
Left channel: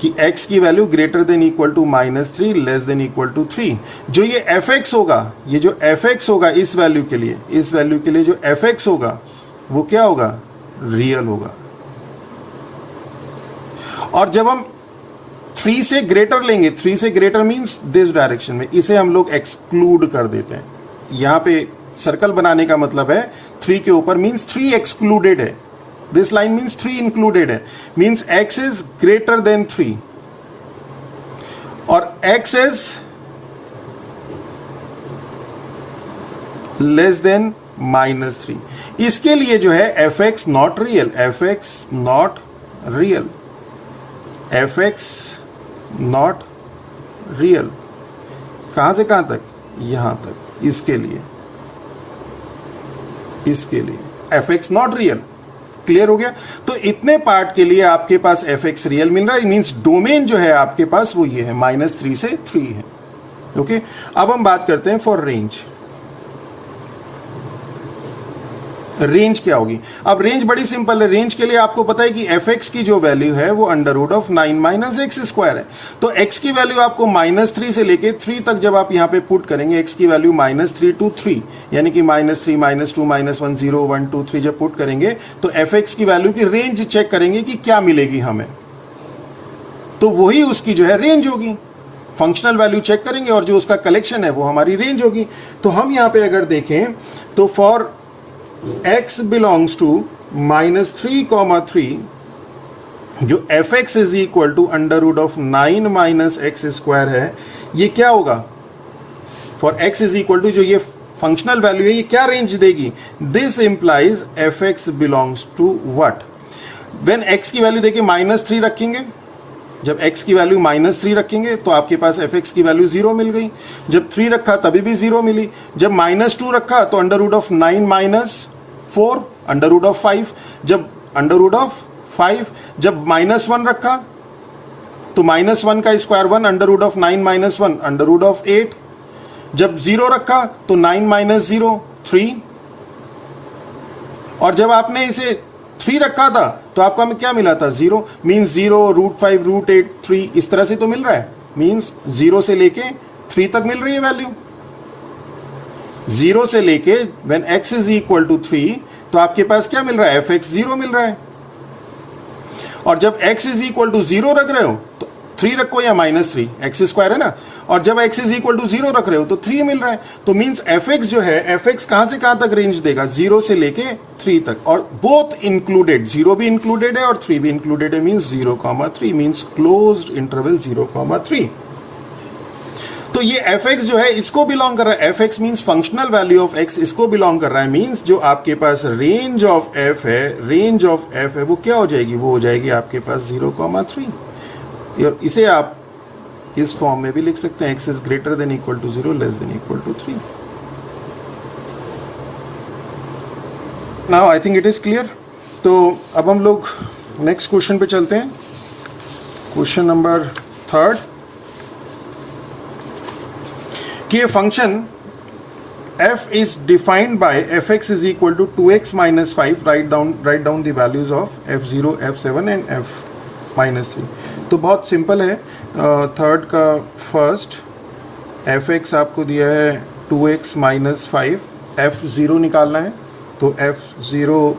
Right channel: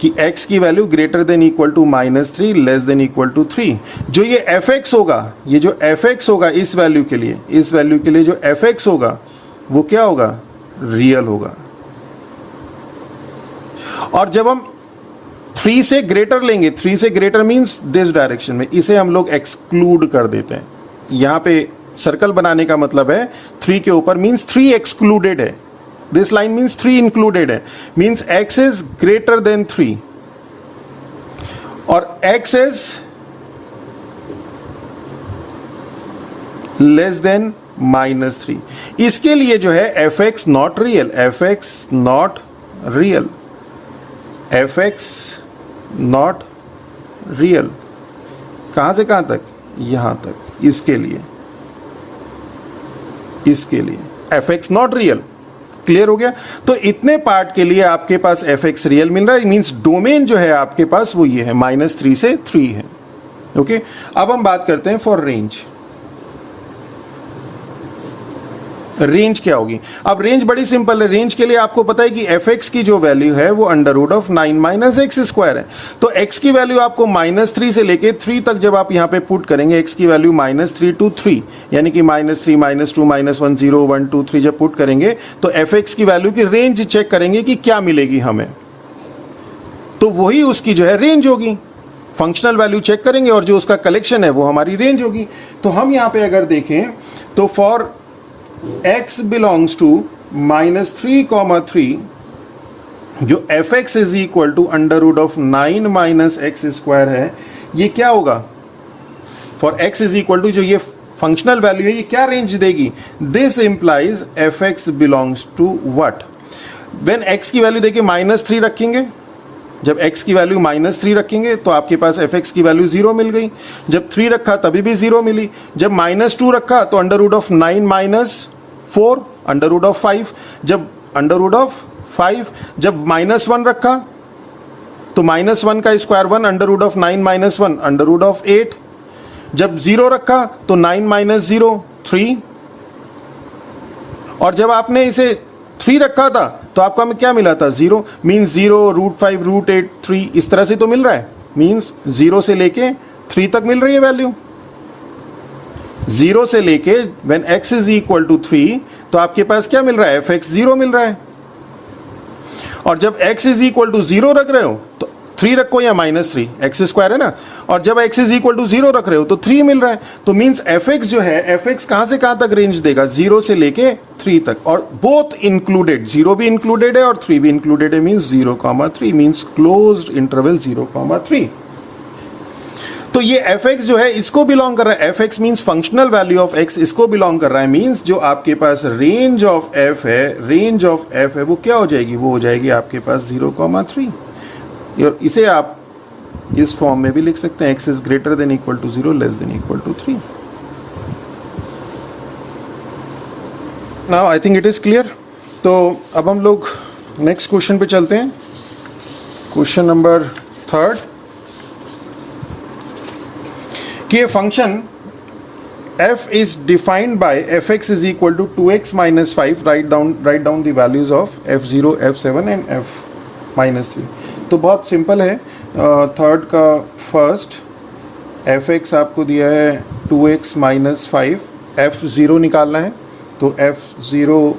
कि x की value greater than equal to -3 less than equal to 3, जो ये fx होगा, ये जो fx होगा इस वैल्यू के लिए जो fx होगा वो क्या होगा? रियल होगा। और जब हम 3 से ग्रेटर लेंगे, 3 से ग्रेटर मीन्स दिस डायरेक्शन में, इसे हम लोग एक्सक्लूड कर देते हैं। यहां पे सर्कल बनाने का मतलब है 3 के ऊपर मीन्स 3 एक्सक्लूडेड है, दिस लाइन मीन्स 3 इंक्लूडेड है, means x is greater then 3 और x इज लेस देन -3। इसके लिए जो है fx not real, fx not real, fx not real, कहां से कहां तक? यहां तक। इसके लिए fx नॉट रियल। क्लियर हो गया? तो इतने पार्ट के लिए आपके पास fx रियल मिल रहा है, मींस डोमेन जो है आपके पास वो ये है -3 से 3 है। ओके, अब हम बात करते हैं फॉर रेंज। रेंज क्या होगी? अब रेंज बड़ी सिंपल है। रेंज के लिए आपको पता है कि fx की जो वैल्यू है वो √9 - x² है। तो x की वैल्यू आपको -3 से लेके 3 तक जब आप यहां पे पुट करेंगे, x की वैल्यू -3 to 3 यानी कि -3 -2 -1 0 1 2 3 जब पुट करेंगे तो fx की वैल्यू की रेंज चेक करेंगे कि क्या मिलेगी हमें, तो वही उसकी जो है रेंज होगी। फंक्शनल वैल्यू चेक करेंगे और जो उसका कलेक्शन है वो हमारी रेंज होगी। तो हम यहां पे अगर देखें तो फॉर x बिलोंग्स टू -3, जो fx is equal to √9 - x² है, ये क्या होगा? For x is equal to जो ये फंक्शनल वैल्यू है ये क्या रेंज देगी? This implies fx belongs to what? When x की वैल्यू देखिए -3 रखेंगे, जब x की वैल्यू -3 रखेंगे तो आपके पास fx की वैल्यू 0 मिल गई। जब 3 रखा तभी भी 0 मिली। जब -2 रखा तो √9 - 4 √5। जब √5, जब -1 रखा तो -1 का स्क्वायर 1 √9 - 1 √8। जब 0 रखा तो 9 - 0 3। और जब आपने इसे 3 रखा था तो आपका में क्या मिला था? 0, मीन्स 0 √5 √8 3 इस तरह से तो मिल रहा है, मीन्स 0 से लेके 3 तक मिल रही है वैल्यू। 0 से लेके when x is equal to 3 तो आपके पास क्या मिल रहा है? fx 0 मिल रहा है। और जब x इज इक्वल टू 0 रख रहे हो तो 3 रखो या -3, x² है ना, और जब x इज इक्वल टू 0 रख रहे हो तो 3 मिल रहा है। तो मीन्स fx जो है, fx कहां से कहां तक रेंज देगा? 0 से लेके 3 तक, और बोथ इंक्लूडेड, 0 भी इंक्लूडेड है और 3 भी इंक्लूडेड है, मीन्स 0,3 मीन्स क्लोज्ड इंटरवल 0,3। तो ये fx जो है इसको बिलोंग कर रहा है, fx means functional value of x, इसको बिलोंग कर रहा है, मीन्स जो आपके पास रेंज ऑफ f है, रेंज ऑफ f है वो क्या हो जाएगी? वो हो जाएगी आपके पास 0,3। और इसे आप इस फॉर्म में भी लिख सकते हैं, x is greater than equal to 0 less than equal to 3। Now I think it is clear. तो अब हम लोग नेक्स्ट क्वेश्चन पे चलते हैं। क्वेश्चन नंबर 3 कि function f is defined by fx is equal to 2x minus 5, write down the values of f0, f7 and f-3। तो बहुत सिंपल है। थर्ड का फर्स्ट fx आपको दिया है 2x minus 5, f0 निकालना है, तो f0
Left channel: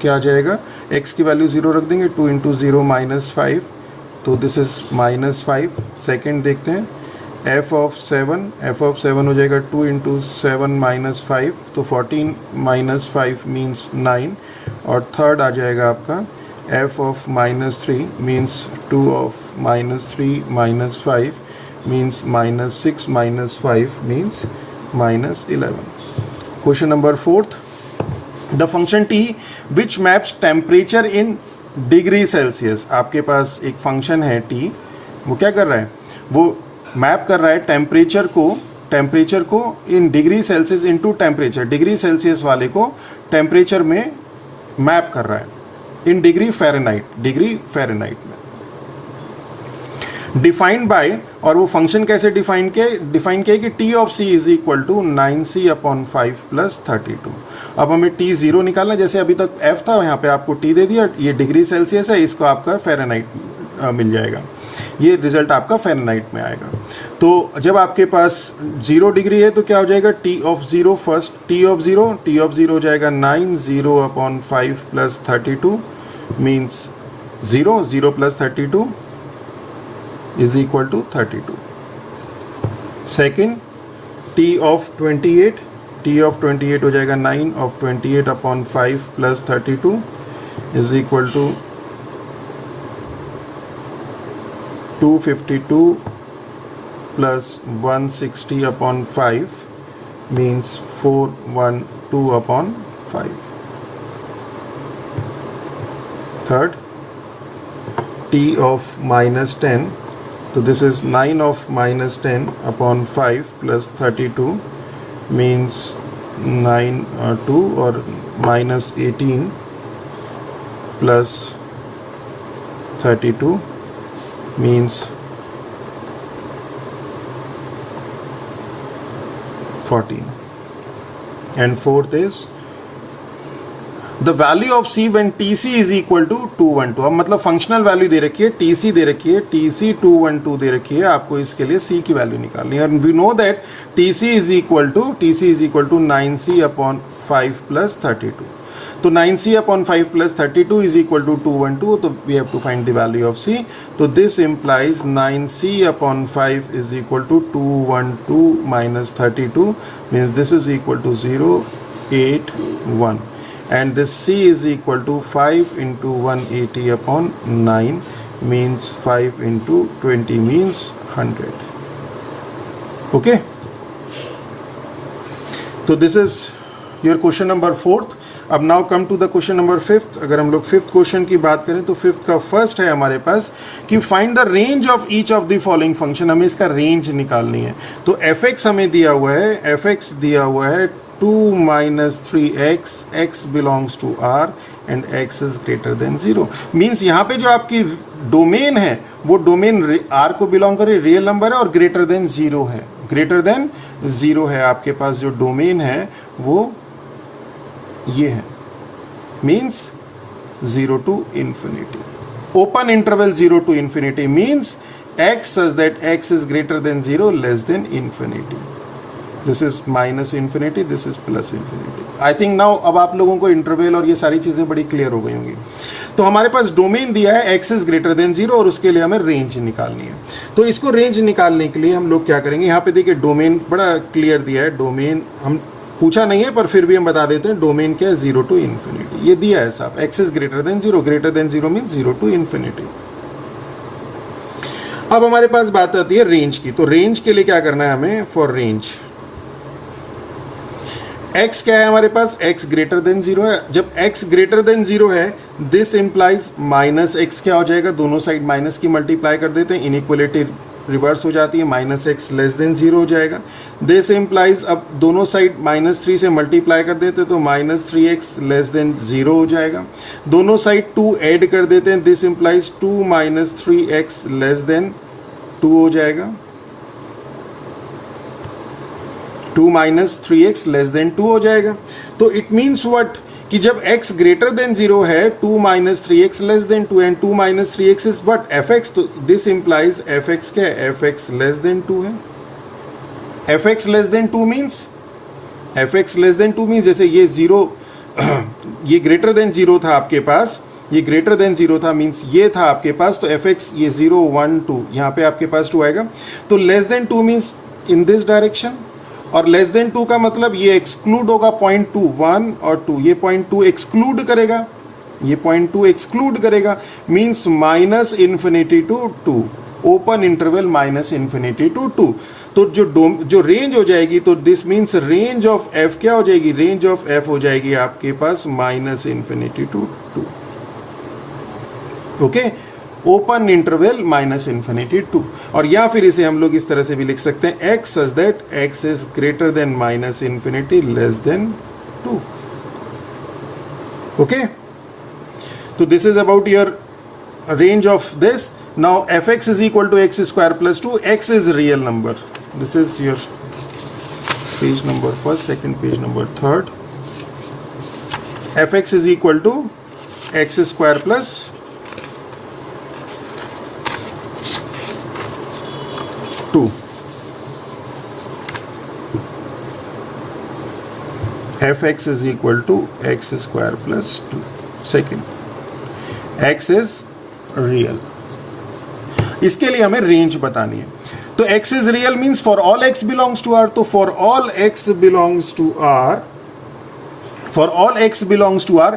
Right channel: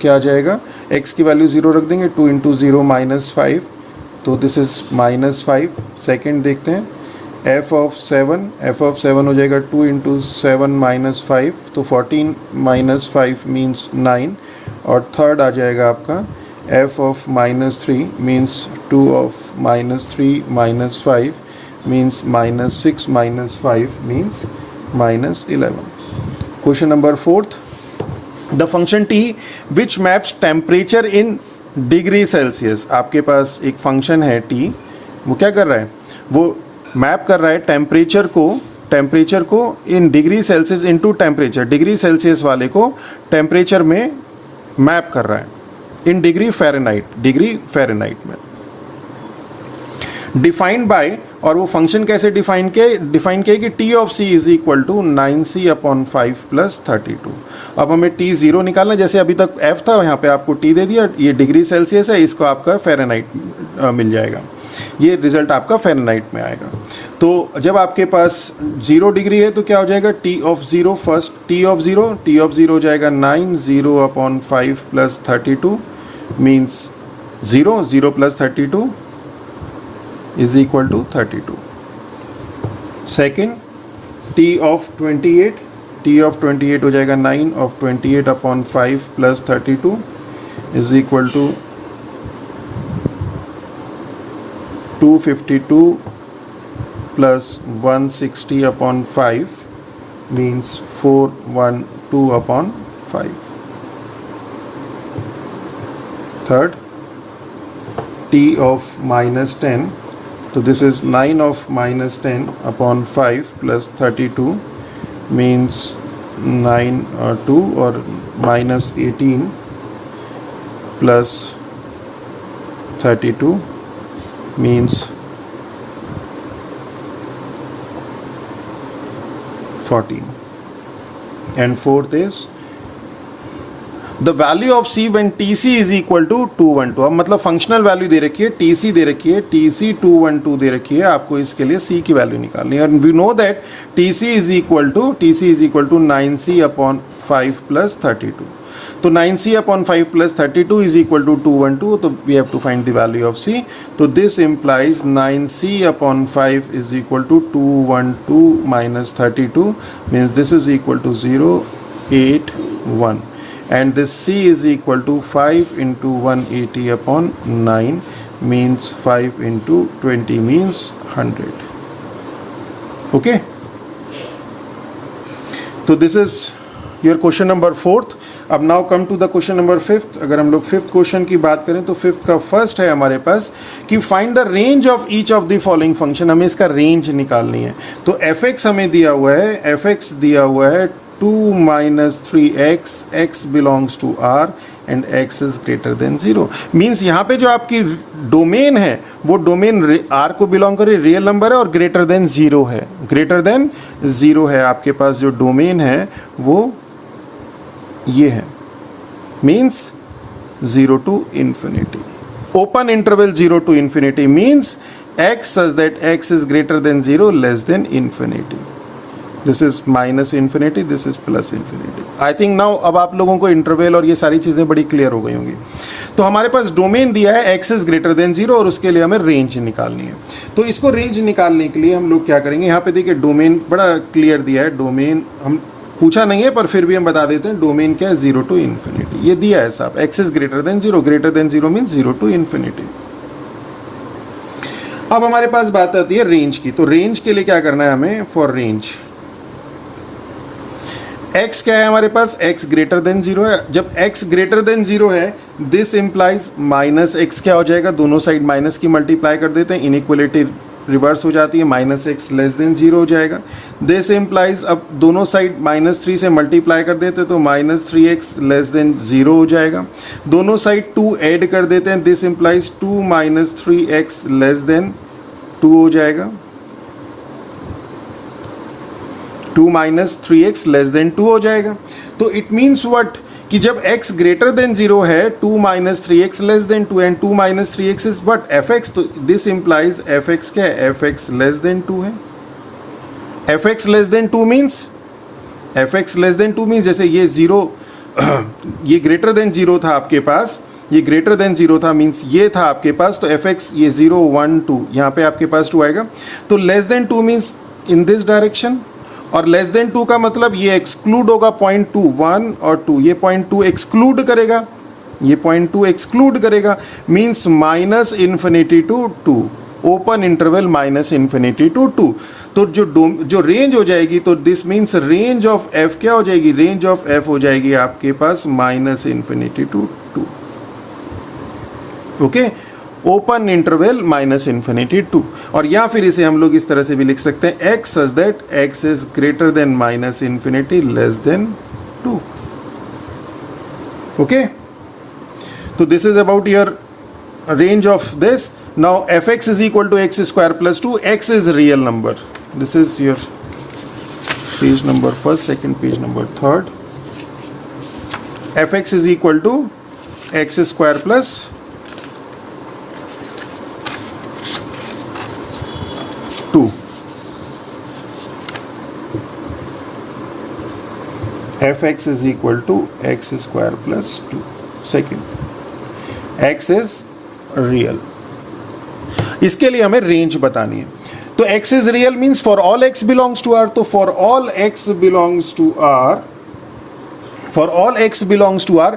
क्या आ जाएगा? x की वैल्यू 0 रख देंगे, 2 × 0 -5, तो दिस इज -5। सेकेंड देखते हैं एफ ऑफ सेवन हो जाएगा 2 इंटू 7 माइनस 5, तो 14 माइनस 5 मीन्स 9, और थर्ड आ जाएगा आपका F of -3 means 2 of -3 minus 5 means -6 minus 5 means -11. Question number 4th, the function T which maps temperature in degree Celsius. आपके पास एक फंक्शन है टी, वो क्या कर रहा है, वो मैप कर रहा है टेम्परेचर को in degree Celsius into temperature, degree Celsius वाले को टेम्परेचर में मैप कर रहा है इन डिग्री फ़ारेनहाइट में. डिफाइंड बाय, और वो फंक्शन कैसे डिफाइन किया कि t of c is equal to 9c upon 5 plus 32. अब हमें टी जीरो निकालना है, जैसे अभी तक एफ था, यहाँ पे आपको टी दे दिया, ये डिग्री सेल्सियस है, इसको आपका फ़ारेनहाइट मिल जाएगा, ये रिजल्ट आपका फ़ारेनहाइट में आएगा. तो जब आपके पास 0 डिग्री है तो क्या हो जाएगा, T of zero first, T of zero हो जाएगा 9, 0 upon 5 plus 32 means 0 plus 32 is equal to 32. Second, t of 28 हो जाएगा 9 of 28 upon 5 plus 32 is equal to 252 plus 160 upon 5 means 412 upon 5. Third, t of -10, so this is 9 of -10 upon 5 plus 32 means 2 or -18 plus 32 means 14. And fourth is the value of c when t c is equal to 212. अब मतलब फंक्शनल वैल्यू दे रखी है, टी सी दे रखी है, टी सी 212 दे रखी है, आपको इसके लिए सी की वैल्यू निकालनी है. और we know that t c is equal to 9c upon 5 plus 32. तो 9c upon 5 plus 32 is equal to 212, तो we have to find the value of c. तो this implies 9c upon 5 is equal to 212 minus 32 means this is equal to 081. And this C is equal to 5 into 180 upon 9 means 5 into 20 means 100. Okay? So this is your question number 4th. अब now come to the question number 5th. अगर हम लोग 5th क्वेश्चन की बात करें तो 5th का फर्स्ट है हमारे पास कि find the range of each of the following function. हमें इसका रेंज निकालनी है. तो fx हमें दिया हुआ है, fx दिया हुआ है 2 minus 3x, x belongs to R and x is greater than 0. Means यहाँ पे जो आपकी डोमेन है वो डोमेन R को बिलोंग करे, रियल नंबर है और ग्रेटर देन 0 है, ग्रेटर देन 0 है. आपके पास जो डोमेन है वो ये है, means 0 to infinity. Open interval 0 to infinity means x such that x is greater than 0 less than infinity. This is minus infinity, this is plus infinity. I think now अब आप लोगों को इंटरवल और ये सारी चीज़ें बड़ी क्लियर हो गई होंगी. तो हमारे पास डोमेन दिया है x इज ग्रेटर देन 0 और उसके लिए हमें रेंज निकालनी है. तो इसको रेंज निकालने के लिए हम लोग क्या करेंगे, यहाँ पे देखिए डोमेन बड़ा क्लियर दिया है. डोमेन हम पूछा नहीं है पर फिर भी हम बता देते हैं. डोमेन क्या है, 0 to इन्फिनिटी. ये दिया है साहब, x is greater than 0 means 0 to infinity. अब हमारे पास बात आती है रेंज की. तो रेंज के लिए क्या करना है हमें, फॉर रेंज x क्या है हमारे पास, x ग्रेटर देन 0 है. जब x ग्रेटर देन 0 है दिस इंप्लाइज माइनस x क्या हो जाएगा, दोनों साइड माइनस की मल्टीप्लाई कर देते हैं, इनइक्वलिटी रिवर्स हो जाती है, माइनस एक्स लेस देन 0 हो जाएगा. दिस इंप्लाइज अब दोनों साइड -3 से मल्टीप्लाई कर देते हैं तो -3x लेस देन 0 हो जाएगा. दोनों साइड 2 ऐड कर देते हैं, this implies 2 - 3x less than 2 हो जाएगा. 2 - 3x लेस देन 2 हो जाएगा. तो इट मीन्स व्हाट कि जब x ग्रेटर देन 0 है 2 - 3x less than 2 and 2 - 3x is what fx. तो दिस इंप्लाइज fx क्या है, fx लेस देन 2 है. fx लेस देन 2 मीन्स जैसे ये 0 ये ग्रेटर देन 0 था आपके पास, ये ग्रेटर देन 0 था, मीन्स ये था आपके पास, तो एफ एक्स ये 0 1 2 यहाँ पे आपके पास 2 आएगा। तो less than 2 means in this direction, और लेस देन 2 का मतलब ये एक्सक्लूड होगा पॉइंट 2 1 और 2, ये पॉइंट 2 एक्सक्लूड करेगा, ये पॉइंट 2 एक्सक्लूड करेगा, means minus infinity to 2, open interval minus infinity to 2। तो जो रेंज हो जाएगी, तो this means range of f क्या हो जाएगी, रेंज ऑफ एफ हो जाएगी आपके पास minus infinity to 2। Okay, open interval minus infinity 2। और या फिर इसे हम लोग इस तरह से भी लिख सकते हैं, x such that x is greater than minus infinity less than 2। Okay, तो this is about your range of this. Now fx is equal to x square plus 2. X is real number. This is your page number first, second, page number third. Fx is equal to x square plus 2. Fx is equal to x square plus 2. Second, x is real. इसके लिए हमें रेंज बतानी है। तो x is real means for all x belongs to r, तो for all x belongs to r, for all x belongs to r,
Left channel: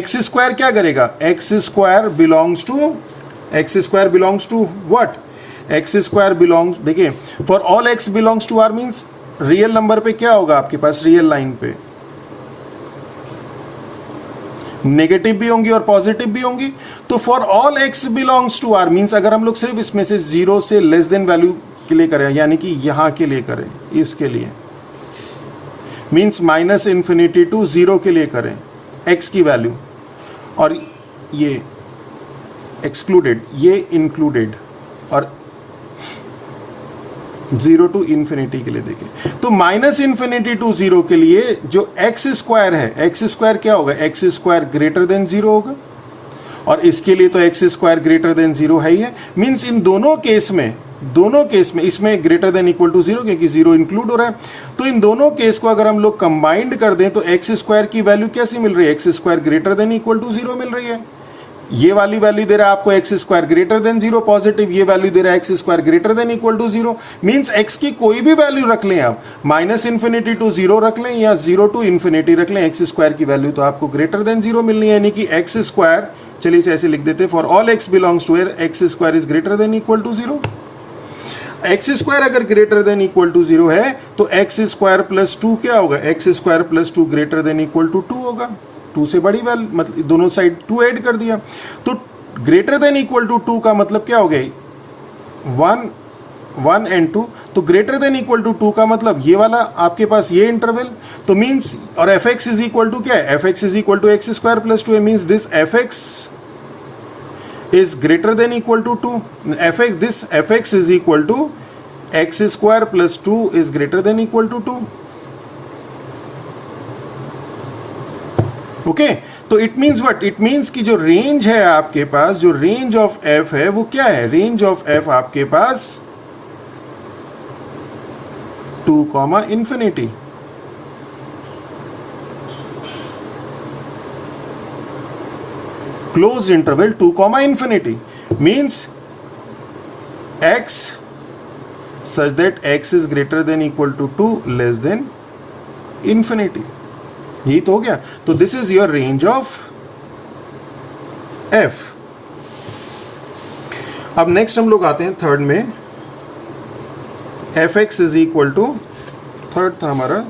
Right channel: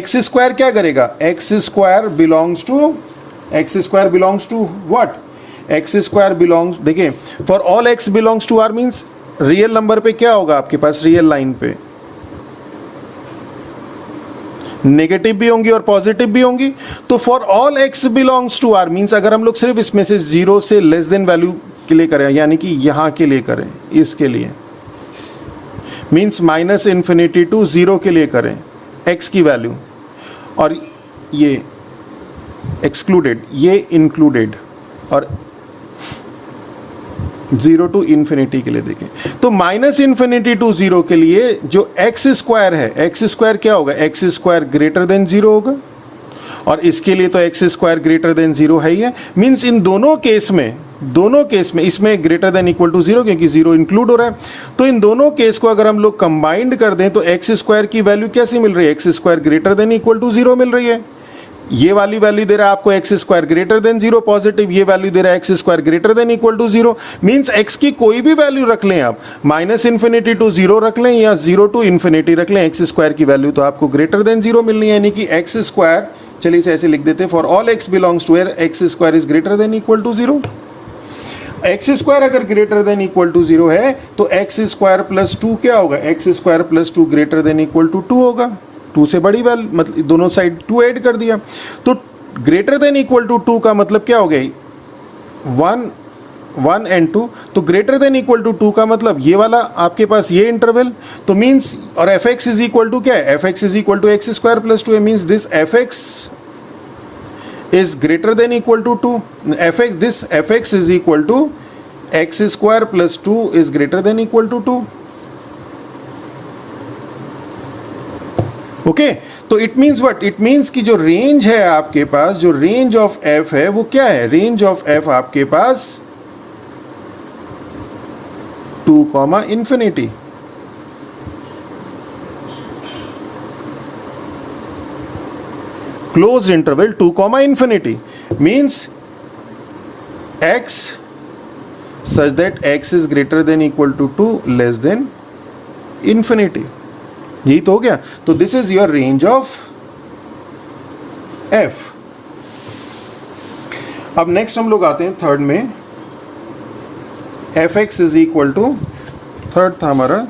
x square क्या करेगा, x square belongs to what, x square belongs, देखिए for all x belongs to r means real number पे क्या होगा आपके पास, रियल लाइन पे नेगेटिव भी होंगी और पॉजिटिव भी होंगी। तो for all x belongs to R means अगर हम लोग सिर्फ इसमें से 0 से लेस देन वैल्यू के लिए करें, यानी कि यहां के लिए करें, इसके लिए मीन्स माइनस इन्फिनिटी टू 0 के लिए करें एक्स की वैल्यू, और ये एक्सक्लूडेड, ये इंक्लूडेड, और 0 टू इन्फिनिटी के लिए देखें, तो माइनस इन्फिनिटी टू 0 के लिए जो एक्स स्क्वायर है, एक्स स्क्वायर क्या होगा, एक्स स्क्वायर ग्रेटर देन 0 होगा, और इसके लिए तो एक्स स्क्वायर ग्रेटर देन 0 है ही है। मीन्स इन दोनों केस में इसमें ग्रेटर देन इक्वल टू 0 क्योंकि 0 इंक्लूड हो रहा है। तो इन दोनों केस को अगर हम लोग कंबाइंड कर दें तो एक्स स्क्वायर की वैल्यू कैसी मिल रही है, x square greater than equal to 0 मिल रही है। ये वाली वैल्यू दे रहा है आपको x square greater than 0 positive, ये वैल्यू दे रहा है x square greater than equal to 0। Means x की कोई भी वैल्यू रख लें आप, माइनस इन्फिनिटी टू 0 रख लें या 0 टू इन्फिनिटी रख लें, एक्स स्क्वायर की वैल्यू तो आपको ग्रेटर देन 0 मिलनी है, यानी कि एक्स स्क्वायर, चलिए इसे ऐसे लिख देते हैं, for all x belongs to R x square is greater than equal to 0। X square अगर ग्रेटर देन इक्वल टू 0 है तो एक्स स्क्वायर प्लस 2 क्या होगा, x square plus 2 greater than equal to 2 होगा। 2 से बड़ी वैल्यू, मतलब दोनों साइड 2 ऐड कर दिया, तो ग्रेटर देन इक्वल टू 2 का मतलब क्या हो गया, 1 एंड 2। तो ग्रेटर देन इक्वल टू 2 का मतलब ये वाला आपके पास ये इंटरवल, तो मींस, और f x is equal to क्या है, f x is equal to x square plus 2 means this f x is greater than equal to 2, this f x is equal to x square plus 2 is greater than equal to 2। Okay, तो it means what, it means कि जो रेंज है आपके पास, जो रेंज ऑफ एफ है वो क्या है, रेंज ऑफ एफ आपके पास 2 infinity. Close interval 2 infinity means x such that x is greater than equal to 2 less than infinity. यही तो हो गया। तो this is your range of f. अब नेक्स्ट हम लोग आते हैं थर्ड में, f x is equal to, third था हमारा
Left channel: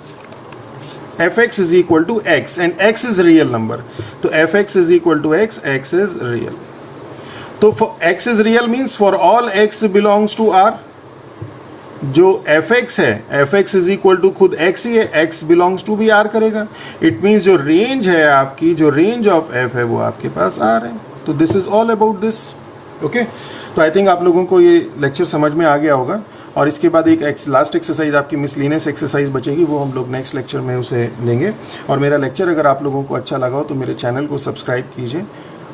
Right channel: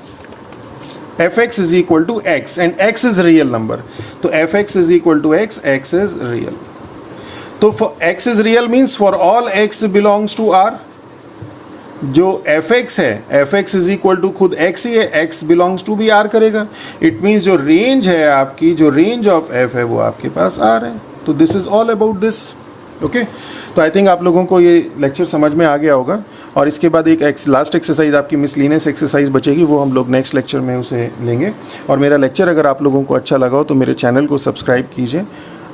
f x is equal to x and x is real number. तो f x is equal to x, x is real. तो x is real means for all x belongs to R, जो एफ एक्स है, f x is equal to खुद एक्स ही है, एक्स बिलोंग्स टू भी आर करेगा। इट मीन्स जो रेंज है आपकी, जो रेंज ऑफ एफ है वो आपके पास आर है। तो this is all about this. Okay, तो आई थिंक आप लोगों को ये लेक्चर समझ में आ गया होगा। और इसके बाद एक लास्ट एक्सरसाइज आपकी मिसलिनियस एक्सरसाइज बचेगी, वो हम लोग नेक्स्ट लेक्चर में उसे लेंगे। और मेरा लेक्चर अगर आप लोगों को अच्छा लगा हो तो मेरे चैनल को सब्सक्राइब कीजिए,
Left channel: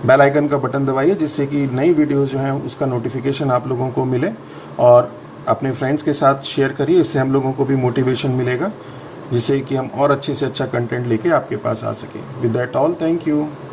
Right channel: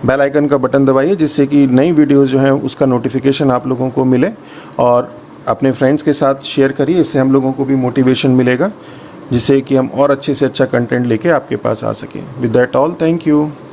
बेल आइकन का बटन दबाइए, जिससे कि नई वीडियोज़ जो है उसका नोटिफिकेशन आप लोगों को मिले। और अपने फ्रेंड्स के साथ शेयर करिए, इससे हम लोगों को भी मोटिवेशन मिलेगा, जिससे कि हम और अच्छे से अच्छा कंटेंट लेके आपके पास आ सकें। With that all, thank you.